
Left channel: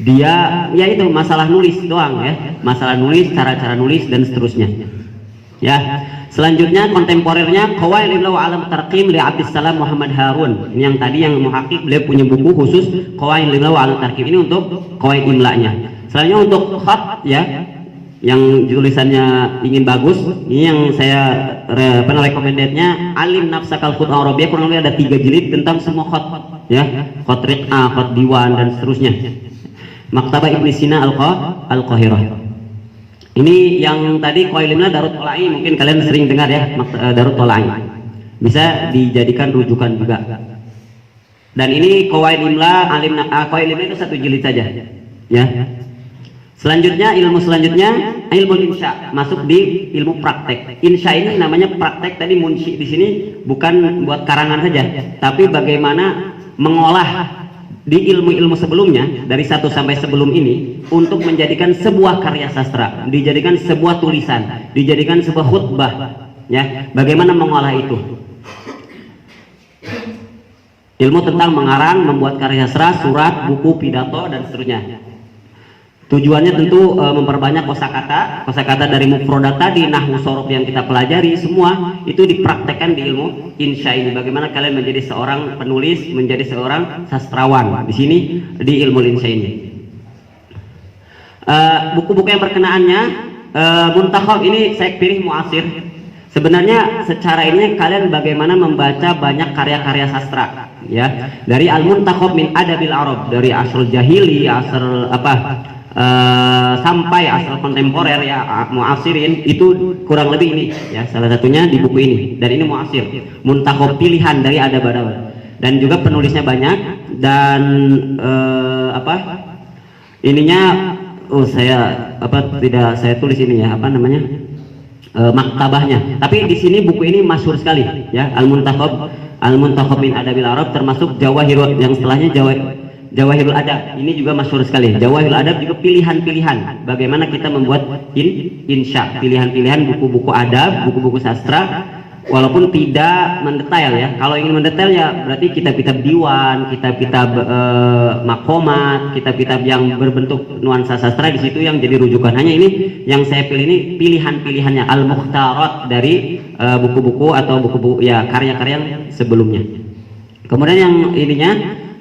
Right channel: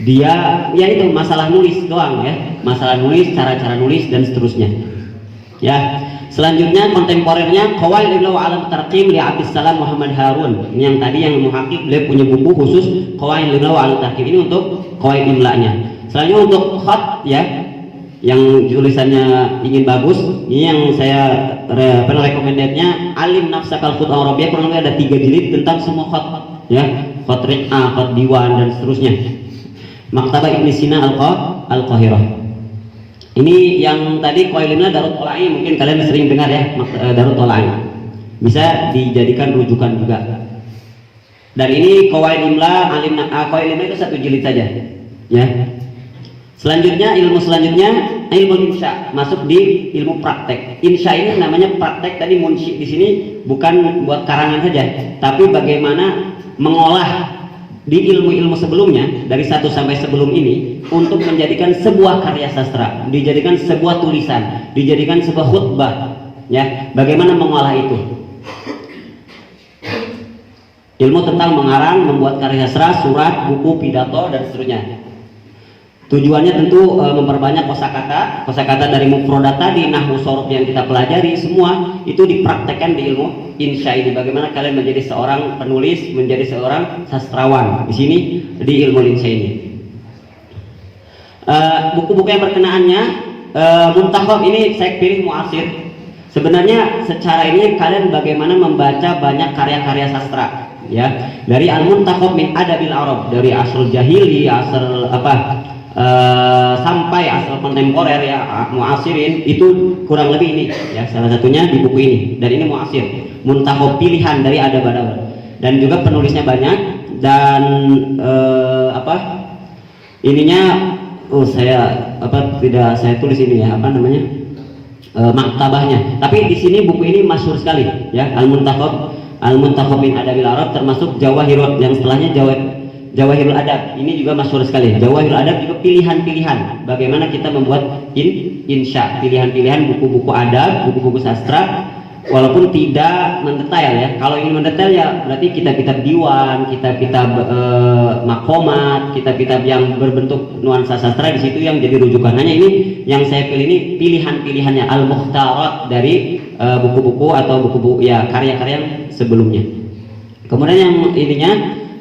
Dia ya itu masalah nulis doang ya. Masalah nulis, cara-cara nulis dan seterusnya. Ya. Selanjutnya kontemporernya Qawaid Imla wa Alam Tarqim li Abdissalam Muhammad Harun. Ini yang tadi yang muhakkik beliau punya buku khusus Qawaid Imla wa Alam Tarqim ini untuk qawaid imlanya. Selanjutnya untuk khat ya yang tulisannya ingin bagus, ini yang saya recommendednya Alim Nafsakal Khut Arabiyah kurang lebih ada 3 jilid tentang semua khat ya, khat riq'ah, khat diwan dan seterusnya. Maktabah Ibn Sina Al-Qahirah. Ini yang tadi Qawaid Imla Darut Tolai, mungkin kalian sering dengar ya, Darut Tolai. Bisa dijadikan rujukan juga. Dan ini Qawaid Imla Qawaid Imla itu 1 jilid saja. Ya. Selanjutnya ilmu insya masuk di ilmu praktek. Insya ini namanya praktek, tadi munshi di sini bukan buat karangan saja, tapi bagaimana mengolah di ilmu-ilmu sebelumnya dari 1 sampai sebelum ini untuk menjadikan sebuah karya sastra, dijadikan sebuah tulisan, dijadikan sebuah khutbah ya. Bagaimana mengolah itu? Ilmu tentang mengarang, membuat karya sastra, surat, buku, pidato dan seterusnya. Tujuannya tentu memperbanyak kosakata dari mufrodat tadi, nahwu sorf yang kita pelajari semua itu dipraktekkan di ilmu insya ini. Bagaimana kalian menjadi seorang penulis, menjadi seorang sastrawan di sini di ilmu insya ini. Buku-buku yang berkenaannya Muntakhab ini saya pilih muasir. Sebenarnya secara ini kalian bagaimana membaca banyak karya-karya sastra ya, dari Al-Muntakhab min Adabil Arab, dari asr jahili, asr sampai asal kontemporer ya, muasirin itu kurang lebih ini ya, salah satunya di buku ini. Dan ini muasir, muntakhab pilihan dari adab-adab, dan juga penulisnya banyak. Dan tidak saya tulis ini ya, maktabahnya. Tapi di sini buku ini masyhur sekali ya, Al-Muntakhab min Adabil Arab, termasuk Jawahirul yang setelahnya Jawahirul Adab ini juga masyhur sekali. Jawahirul Adab juga pilihan-pilihan bagaimana kita membuat insya, pilihan-pilihan buku-buku adab, buku-buku sastra walaupun tidak mendetail ya. Kalau ingin mendetail ya berarti kitab-kitab diwan, kitab-kitab makomat, kitab-kitab yang berbentuk nuansa sastra di situ yang jadi rujukan. Hanya ini yang saya pilih ini pilihan-pilihannya al-mukhtarat dari buku-buku atau buku-buku ya karya-karya sebelumnya. Kemudian yang ininya,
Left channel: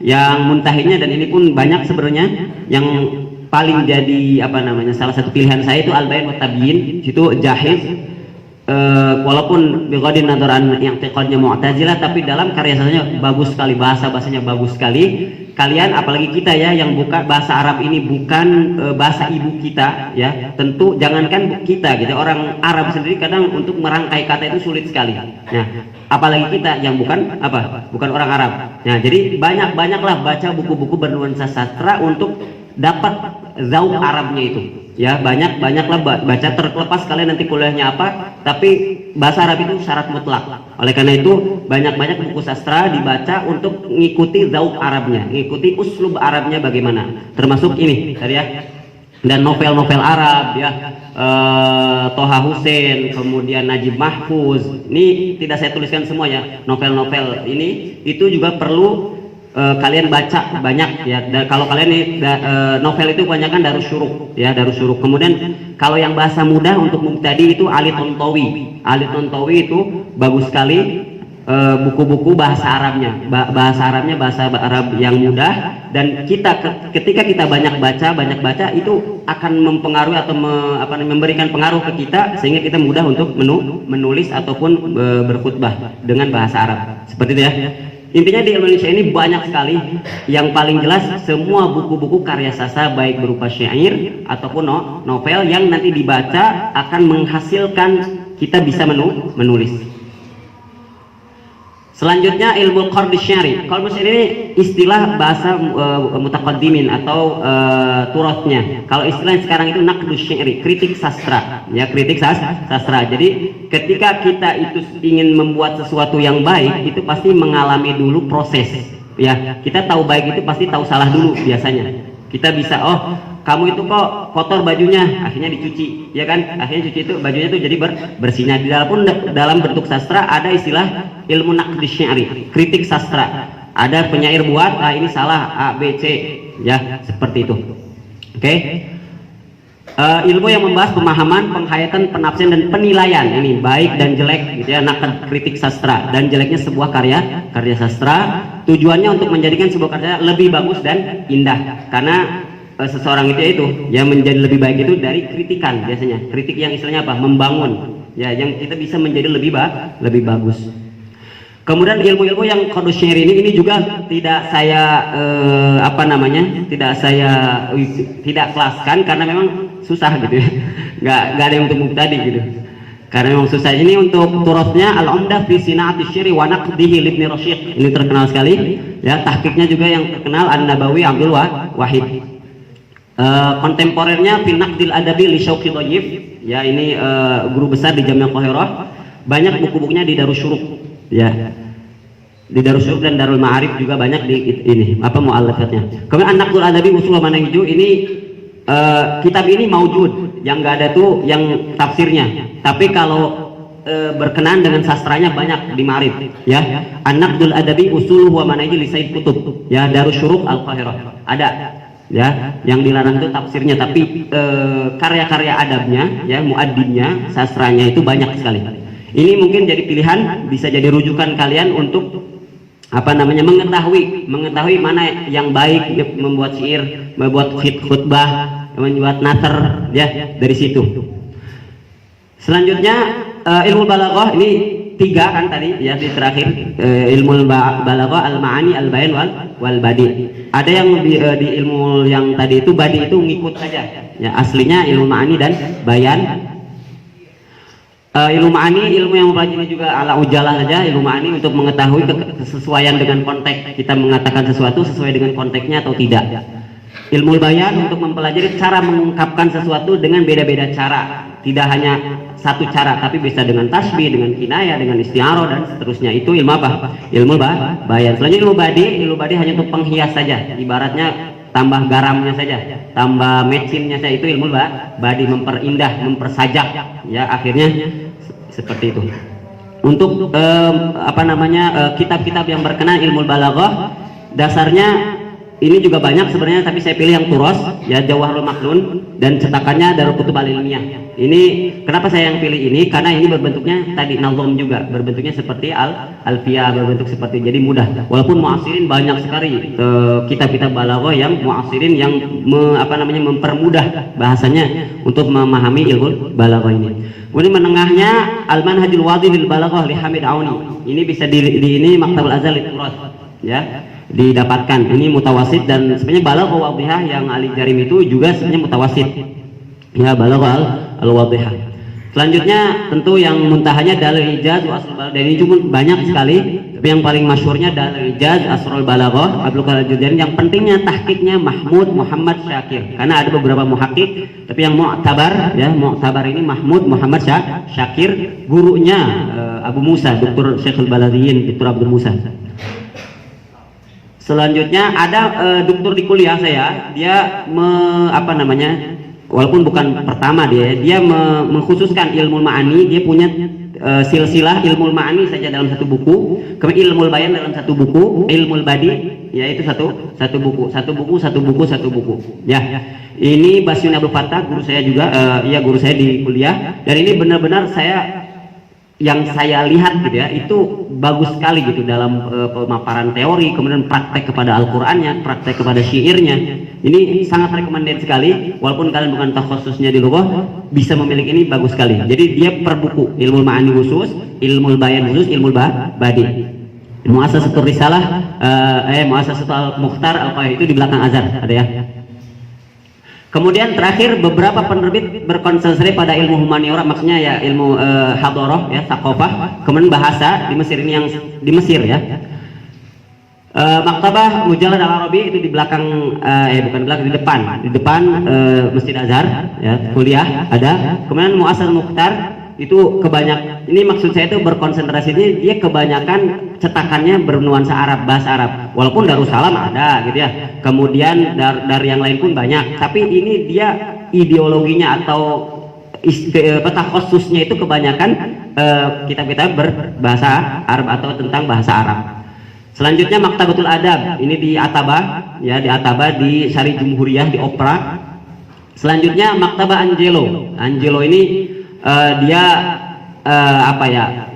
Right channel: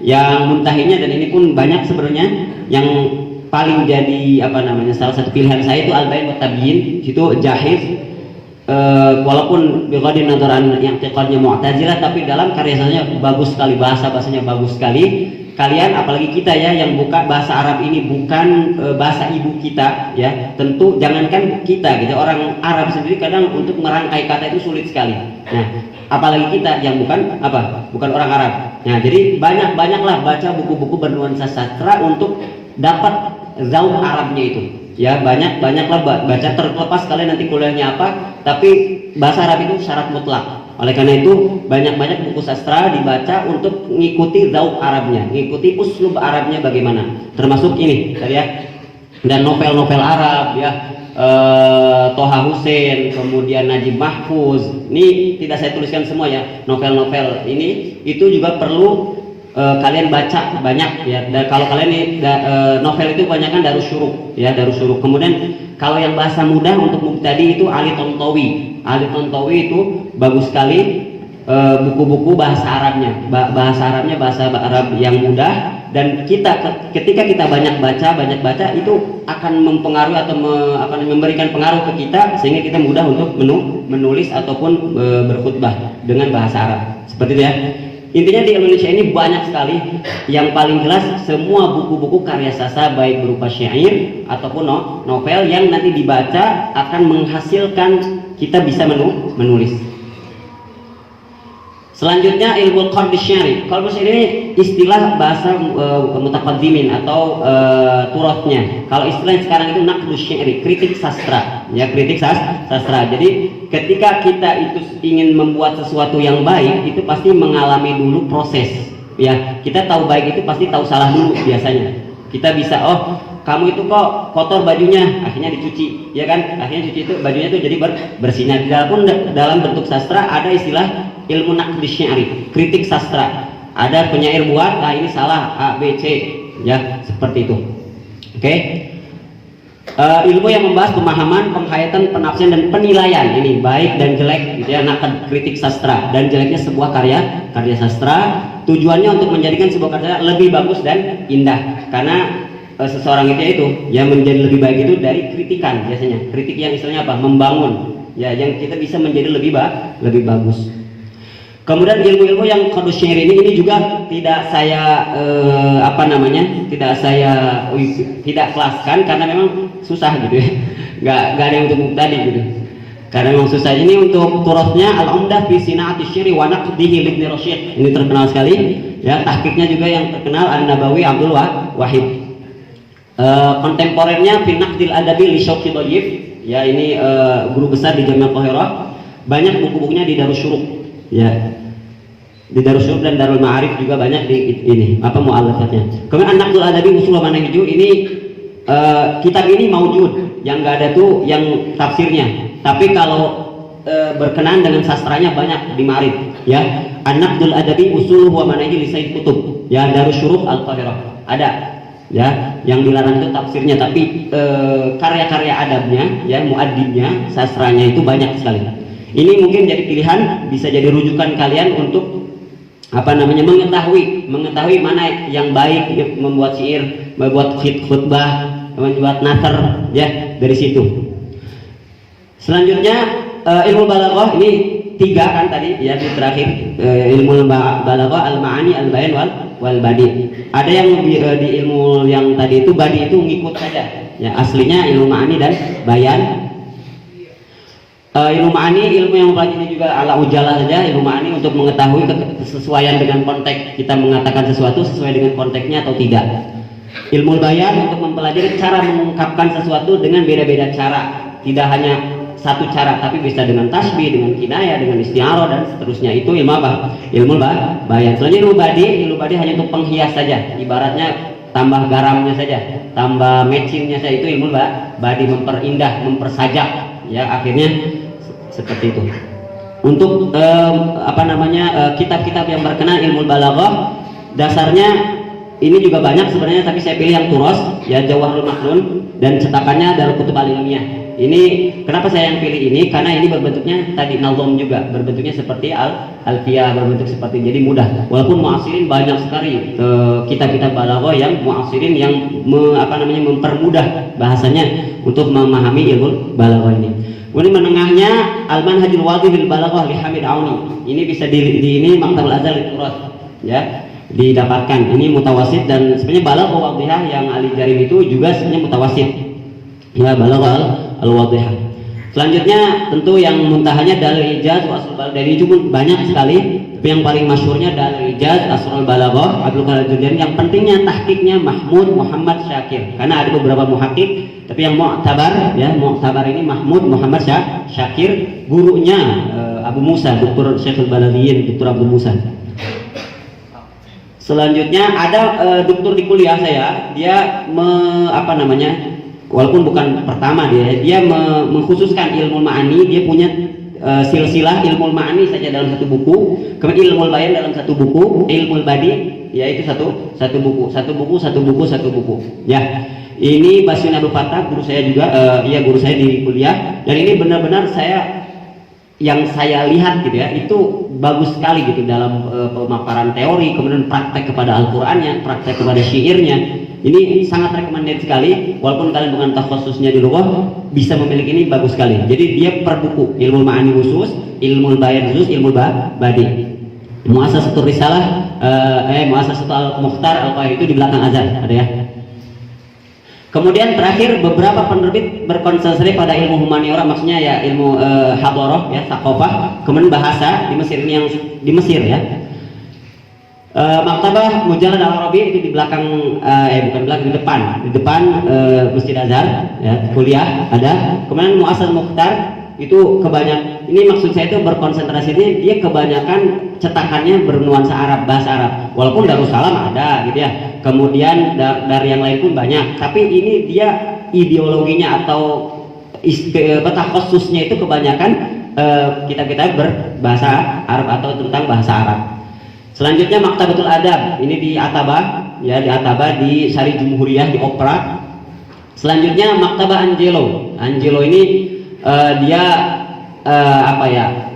yang muntahinya, dan ini pun banyak sebenarnya, yang paling jadi apa namanya salah satu pilihan saya itu Al-Bayan wa Tabyin. Situ Jahiz walaupun biqadin nazaran yang tiqadnya Mu'tazilah, tapi dalam karya sasanya bagus sekali, bahasanya bagus sekali. Kalian apalagi kita ya yang buka bahasa Arab ini bukan bahasa ibu kita ya, tentu jangankan kita gitu, orang Arab sendiri kadang untuk merangkai kata itu sulit sekali. Nah, apalagi kita yang bukan orang Arab. Nah, jadi banyaklah baca buku-buku bernuansa sastra untuk dapat zauk Arabnya itu. Ya, banyaklah baca, terlepas kalian nanti kuliahnya apa, tapi bahasa Arab itu syarat mutlak. Oleh karena itu banyak buku sastra dibaca untuk mengikuti zauk Arabnya, mengikuti uslub Arabnya bagaimana. Termasuk ini tadi ya, dan novel-novel Arab ya, Toha Hussein, kemudian Najib Mahfuz. Ini tidak saya tuliskan semua ya, novel-novel ini itu juga perlu kalian baca banyak ya. Dan kalau kalian ini novel itu kebanyakan Darus Syuruk ya, Darus Syuruk. Kemudian kalau yang bahasa mudah untuk mubtadi itu Ali Tontowi itu bagus sekali, buku-buku bahasa Arabnya, bahasa Arab yang mudah. Dan ketika kita banyak baca itu akan mempengaruhi atau memberikan pengaruh ke kita, sehingga kita mudah untuk menulis ataupun berkhutbah dengan bahasa Arab seperti itu ya. Intinya di Indonesia ini banyak sekali. Yang paling jelas semua buku-buku karya sastra baik berupa syair ataupun novel yang nanti dibaca akan menghasilkan kita bisa menulis. Selanjutnya ilmu qard syari. Kalau ini istilah bahasa mutaqaddimin atau turafnya. Kalau istilah sekarang itu naqdu syari, kritik sastra. Ya, kritik sastra. Jadi ketika kita itu ingin membuat sesuatu yang baik, itu pasti mengalami dulu proses. Ya, kita tahu baik itu pasti tahu salah dulu biasanya. Kita bisa, oh kamu itu kok kotor bajunya, akhirnya dicuci, ya kan? Akhirnya cuci itu bajunya itu jadi bersihnya. Dalam bentuk sastra ada istilah ilmu naqdi syari, kritik sastra. Ada penyair buat, nah ini salah A, B, C, ya seperti itu. Oke. Ilmu yang membahas pemahaman, penghayatan, penafsiran dan penilaian ini baik dan jelek, gitu ya, naqd kritik sastra dan jeleknya sebuah karya sastra. Tujuannya untuk menjadikan sebuah karya lebih bagus dan indah, karena seseorang itu yang menjadi lebih baik itu dari kritikan biasanya. Kritik yang istilahnya apa? Membangun, ya, yang kita bisa menjadi lebih bagus. Kemudian ilmu-ilmu yang qard syari ini juga tidak saya tidak kelaskan karena memang susah gitu ya. Nggak ada yang untuk mubtadi gitu. Karena memang susah. Ini untuk turasnya Al-Umdah fi Sina'ati Syiri wa Naqdihi Ibnu Rasyid. Ini terkenal sekali ya. Tahqiqnya juga yang terkenal An-Nabawi Abdul Wahid. Kontemporernya fi Naqdil Adabi li Syauqi Dhayyif. Ya, ini guru besar di Jami'ah Qahirah. Banyak buku-bukunya di Darus Syuruk. Ya, di Darus Syuruk dan Darul Ma'arif juga banyak di ini mu'allafatnya. Kemudian An-Naqdul Adabi Usul wa Manahij ini kitab ini maujud, yang enggak ada tuh yang tafsirnya. Tapi kalau berkenaan dengan sastranya banyak di Ma'arif ya. An-Naqdul Adabi Usul wa Manahij li Sayyid Qutb ya, Darus Syuruk Al-Qahirah ada ya. Yang dilarang itu tafsirnya, tapi karya-karya adabnya ya, muaddibnya, sastranya itu banyak sekali. Ini mungkin jadi pilihan, bisa jadi rujukan kalian untuk mengetahui mana yang baik ya, membuat syair, membuat khutbah, membuat nathar ya, dari situ. Selanjutnya ilmu balaghah ini 3 kan tadi ya, di terakhir ilmu balaghah al-ma'ani, al-bayan wal badi. Ada yang di ilmu yang tadi itu badi itu ngikut saja ya, aslinya ilmu ma'ani dan bayan. Ilmu ma'ani, ilmu yang mempelajari juga ala ujalah saja. Ilmu ma'ani untuk mengetahui kesesuaian dengan konteks, kita mengatakan sesuatu sesuai dengan konteksnya atau tidak. Ilmu bayan untuk mempelajari cara mengungkapkan sesuatu dengan beda-beda cara, tidak hanya satu cara, tapi bisa dengan tasbih, dengan kinayah, dengan isti'arah dan seterusnya. Itu ilmu apa? Ilmu bayan. Selanjutnya ilmu badi hanya untuk penghias saja, ibaratnya tambah garamnya saja, tambah mecinnya saja, itu ilmu badi, memperindah, mempersajak ya, akhirnya seperti itu. untuk kitab-kitab yang berkenaan ilmu balaghah. Dasarnya ini juga banyak sebenarnya, tapi saya pilih yang Turos, ya, Jawahirul Maknun, dan cetakannya Darul Kutub Al Ilmiyah. Ini kenapa saya yang pilih ini? Karena ini berbentuknya tadi nazom juga, berbentuknya seperti alfiyah, berbentuk seperti, jadi mudah. Walaupun muasirin banyak sekali kitab-kitab balaghah yang muasirin yang mempermudah bahasanya untuk memahami ilmu balaghah ini. Kemudian menengahnya Al-Manhajul Wadih lil Balaghah li Hamid Auni. Ini bisa ini Maktabul Azhar lil Turas, ya, didapatkan. Ini mutawasid, dan sebenarnya Balaghah Wadihah yang Ali Jarim itu juga sebenarnya mutawasid, ya, Balaghah al-Wadihah. Selanjutnya tentu yang muntahanya Dalil Ijaz wa Asrul Balaghah. Ini cuma banyak sekali, tapi yang paling masyhurnya Dalil Ijaz, Asrul Balaghah, Abdul Qadir Al-Jurjani. Yang pentingnya tahqiqnya Mahmud Muhammad Syakir, karena ada beberapa muhakkik, tapi yang mu'tabar, ya, mu'tabar ini Mahmud Muhammad Syakir, gurunya Abu Musa, Dr. Syekh Al-Baladiyin, Dr. Abdul Musa. Selanjutnya ada dokter di kuliah saya, dia walaupun bukan pertama, dia mengkhususkan ilmu ma'ani. Dia punya silsilah ilmu ma'ani saja dalam satu buku, kemudian ilmu bayan dalam satu buku, ilmu badi, yaitu satu buku, ya. Ini Basyun Abdul Fattah, guru saya juga, guru saya di kuliah, dan ini benar-benar yang saya lihat gitu ya, itu bagus sekali gitu dalam pemaparan teori, kemudian praktek kepada Al-Qur'annya, praktek kepada syairnya. Ini sangat recommended sekali, walaupun kalian bukan khususnya di lughah, bisa memiliki ini bagus sekali. Jadi dia per buku, ilmu ma'ani khusus, ilmu bayan khusus, ilmu badi. Muassasatul Risalah, Muassasatul Al-Mukhtar Al-Qahir itu di belakang azan, ada ya. Kemudian terakhir beberapa penerbit berkonsentrasi pada ilmu humaniora, maksudnya ya ilmu hadoroh, ya, sakofah, kemudian bahasa di Mesir, ini yang di Mesir, ya. Maktabah Mujallad Al-Arabi itu di belakang, bukan belakang, di depan Masjid Azhar, ya, kuliah ada. Kemudian Muassasatul Mukhtar itu ini maksud saya itu berkonsentrasi, dia kebanyakan cetakannya bernuansa Arab, bahasa Arab. Walaupun Darussalam ada gitu ya, kemudian dari yang lain pun banyak, tapi ini dia ideologinya atau khususnya itu kebanyakan kitab-kitab berbahasa Arab atau tentang bahasa Arab. Selanjutnya Maktabatul Adab, ini di Ataba, ya, di Ataba di Syari Jumhuriyah di Opera. Selanjutnya Maktabah Angelo ini dia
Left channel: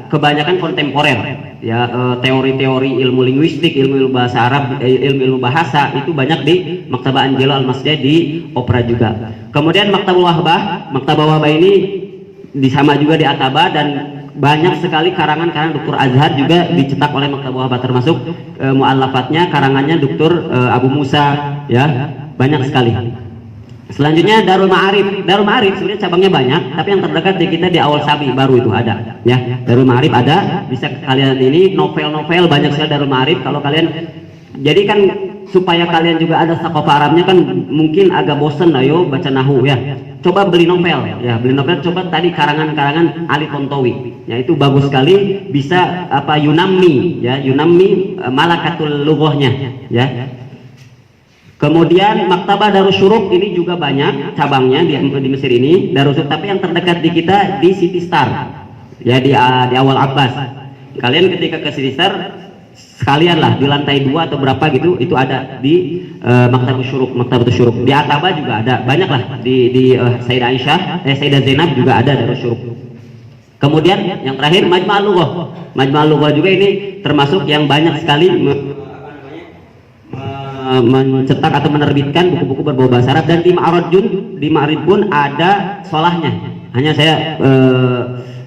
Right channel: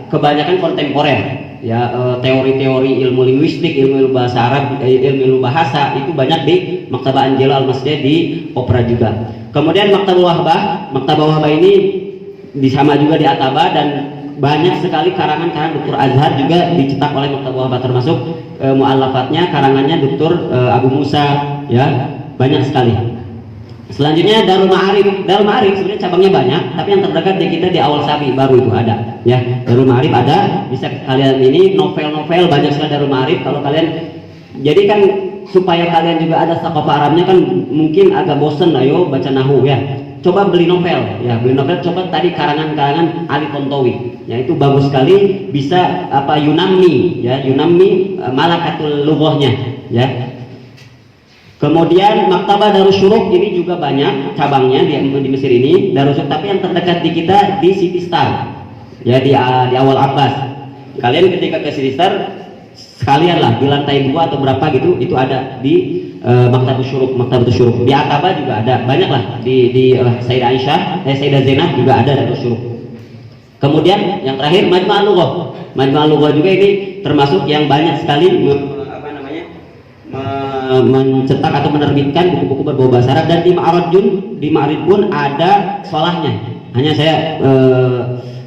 kebanyakan kontemporer, ya, teori-teori ilmu linguistik, ilmu bahasa Arab, ilmu bahasa itu banyak di Maktabah Angelo Al-Masjid di Opera juga. Kemudian Maktabah Wahbah ini sama juga di Ataba, dan banyak sekali karangan-karangan Dr. Azhar juga dicetak oleh Maktabah Wahbah, termasuk mu'allafatnya, karangannya Dr. Abu Musa, ya, banyak sekali. Selanjutnya Darul Ma'arif sebenarnya cabangnya banyak, tapi yang terdekat di kita di Awal Sabi baru itu ada, ya. Darul Ma'arif ada, bisa kalian ini novel-novel banyak sekali Darul Ma'arif. Kalau kalian, jadi kan supaya kalian juga ada sakofah Arabnya, kan mungkin agak bosen ayo baca nahu, ya. Coba beli novel, coba tadi karangan-karangan Ali Tontowi, ya, itu bagus sekali, bisa Yunammi malakatul lughahnya, ya. Kemudian Maktabah Darussyuruk ini juga banyak cabangnya di Mesir ini, Darussyuruk, tapi yang terdekat di kita di City Star, ya, di Awal Abbas. Kalian ketika ke City Star sekalian lah di lantai 2 atau berapa gitu, itu ada di Maktabah Syuruk. Di Ataba juga ada, banyak lah di Sayyidah Zainab juga ada Darussyuruk. Kemudian yang terakhir Majma'ul Lughah juga ini termasuk yang banyak sekali mencetak atau menerbitkan buku-buku berbau bahasa Arab. Dan di Ma'arij pun ada sholahnya. Hanya saya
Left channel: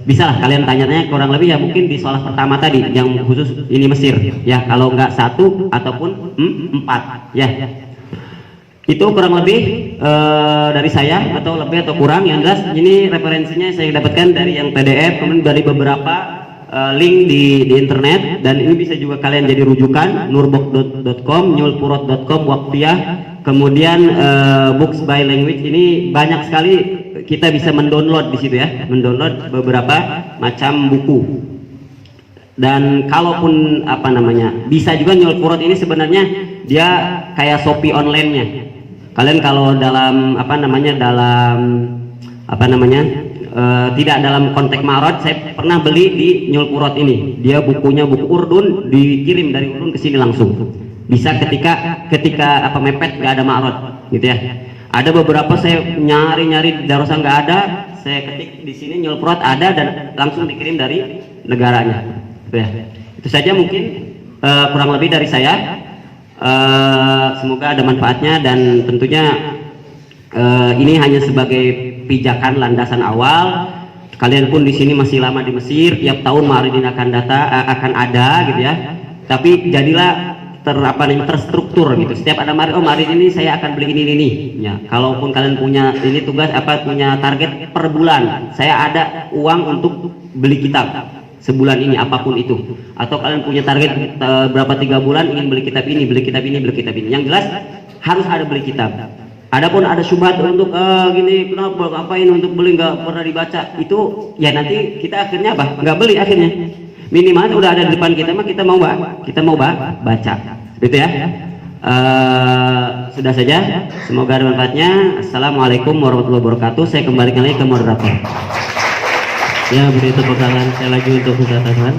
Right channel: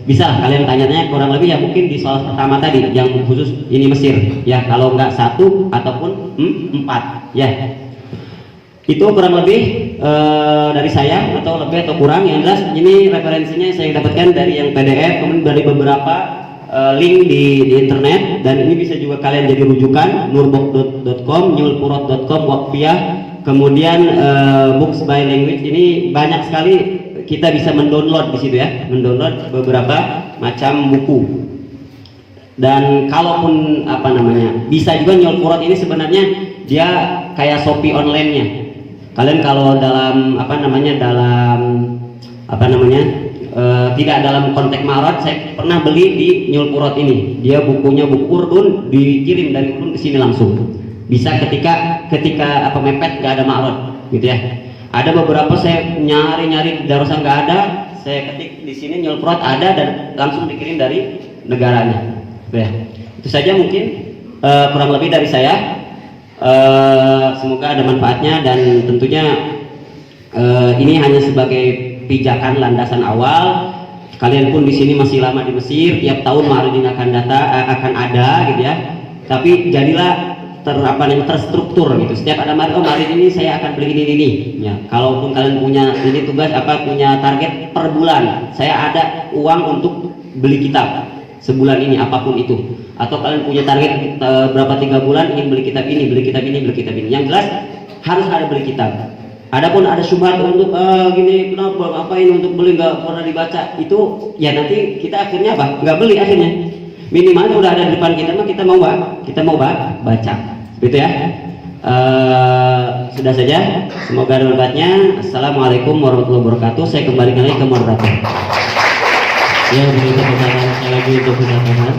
bisa lah kalian tanya-tanya kurang lebih, ya, mungkin di sholah pertama tadi yang khusus ini Mesir, ya, kalau nggak 1 ataupun 4, ya. Itu kurang lebih dari saya, atau lebih atau kurang. Yang jelas ini referensinya saya dapatkan dari yang PDF, kemudian dari beberapa link di internet, dan ini bisa juga kalian jadi rujukan nurbok.com, nyulpurot.com, Waqfiyah, kemudian books by language. Ini banyak sekali kita bisa mendownload di situ, ya, mendownload beberapa macam buku. Dan kalaupun bisa juga Nyulpurot ini sebenarnya dia kayak Shopee online-nya. Kalian kalau dalam tidak dalam konteks marot. Saya pernah beli di Nyul Purot ini, dia bukunya buku Urdun, dikirim dari Urdun ke sini langsung. Bisa ketika mepet nggak ada marot gitu ya. Ada beberapa saya nyari di Darussa nggak ada, saya ketik di sini Nyul Purot ada dan langsung dikirim dari negaranya. Ya. Itu saja mungkin kurang lebih dari saya. Semoga ada manfaatnya dan tentunya ini hanya sebagai pijakan landasan awal. Kalian pun di sini masih lama di Mesir, tiap tahun Ma'arudin akan ada gitu ya. Tapi jadilah terstruktur gitu. Setiap ada Ma'arudin ini saya akan beli ini. Ya, kalaupun kalian punya ini punya target per bulan, saya ada uang untuk beli kitab sebulan ini apapun itu. Atau kalian punya target berapa 3 bulan ingin beli kitab ini. Yang jelas harus ada beli kitab. Adapun ada syubhat untuk gini kenapa ngapain untuk beli nggak pernah dibaca, itu ya nanti kita akhirnya nggak beli akhirnya. Minimal udah ada di depan kita mah kita mau baca gitu ya. Sudah saja, semoga ada manfaatnya. Assalamualaikum warahmatullahi wabarakatuh. Saya kembalikan lagi ke moderator. Ya, beri tepuk tangan sekali lagi untuk Ustaz Ahmad.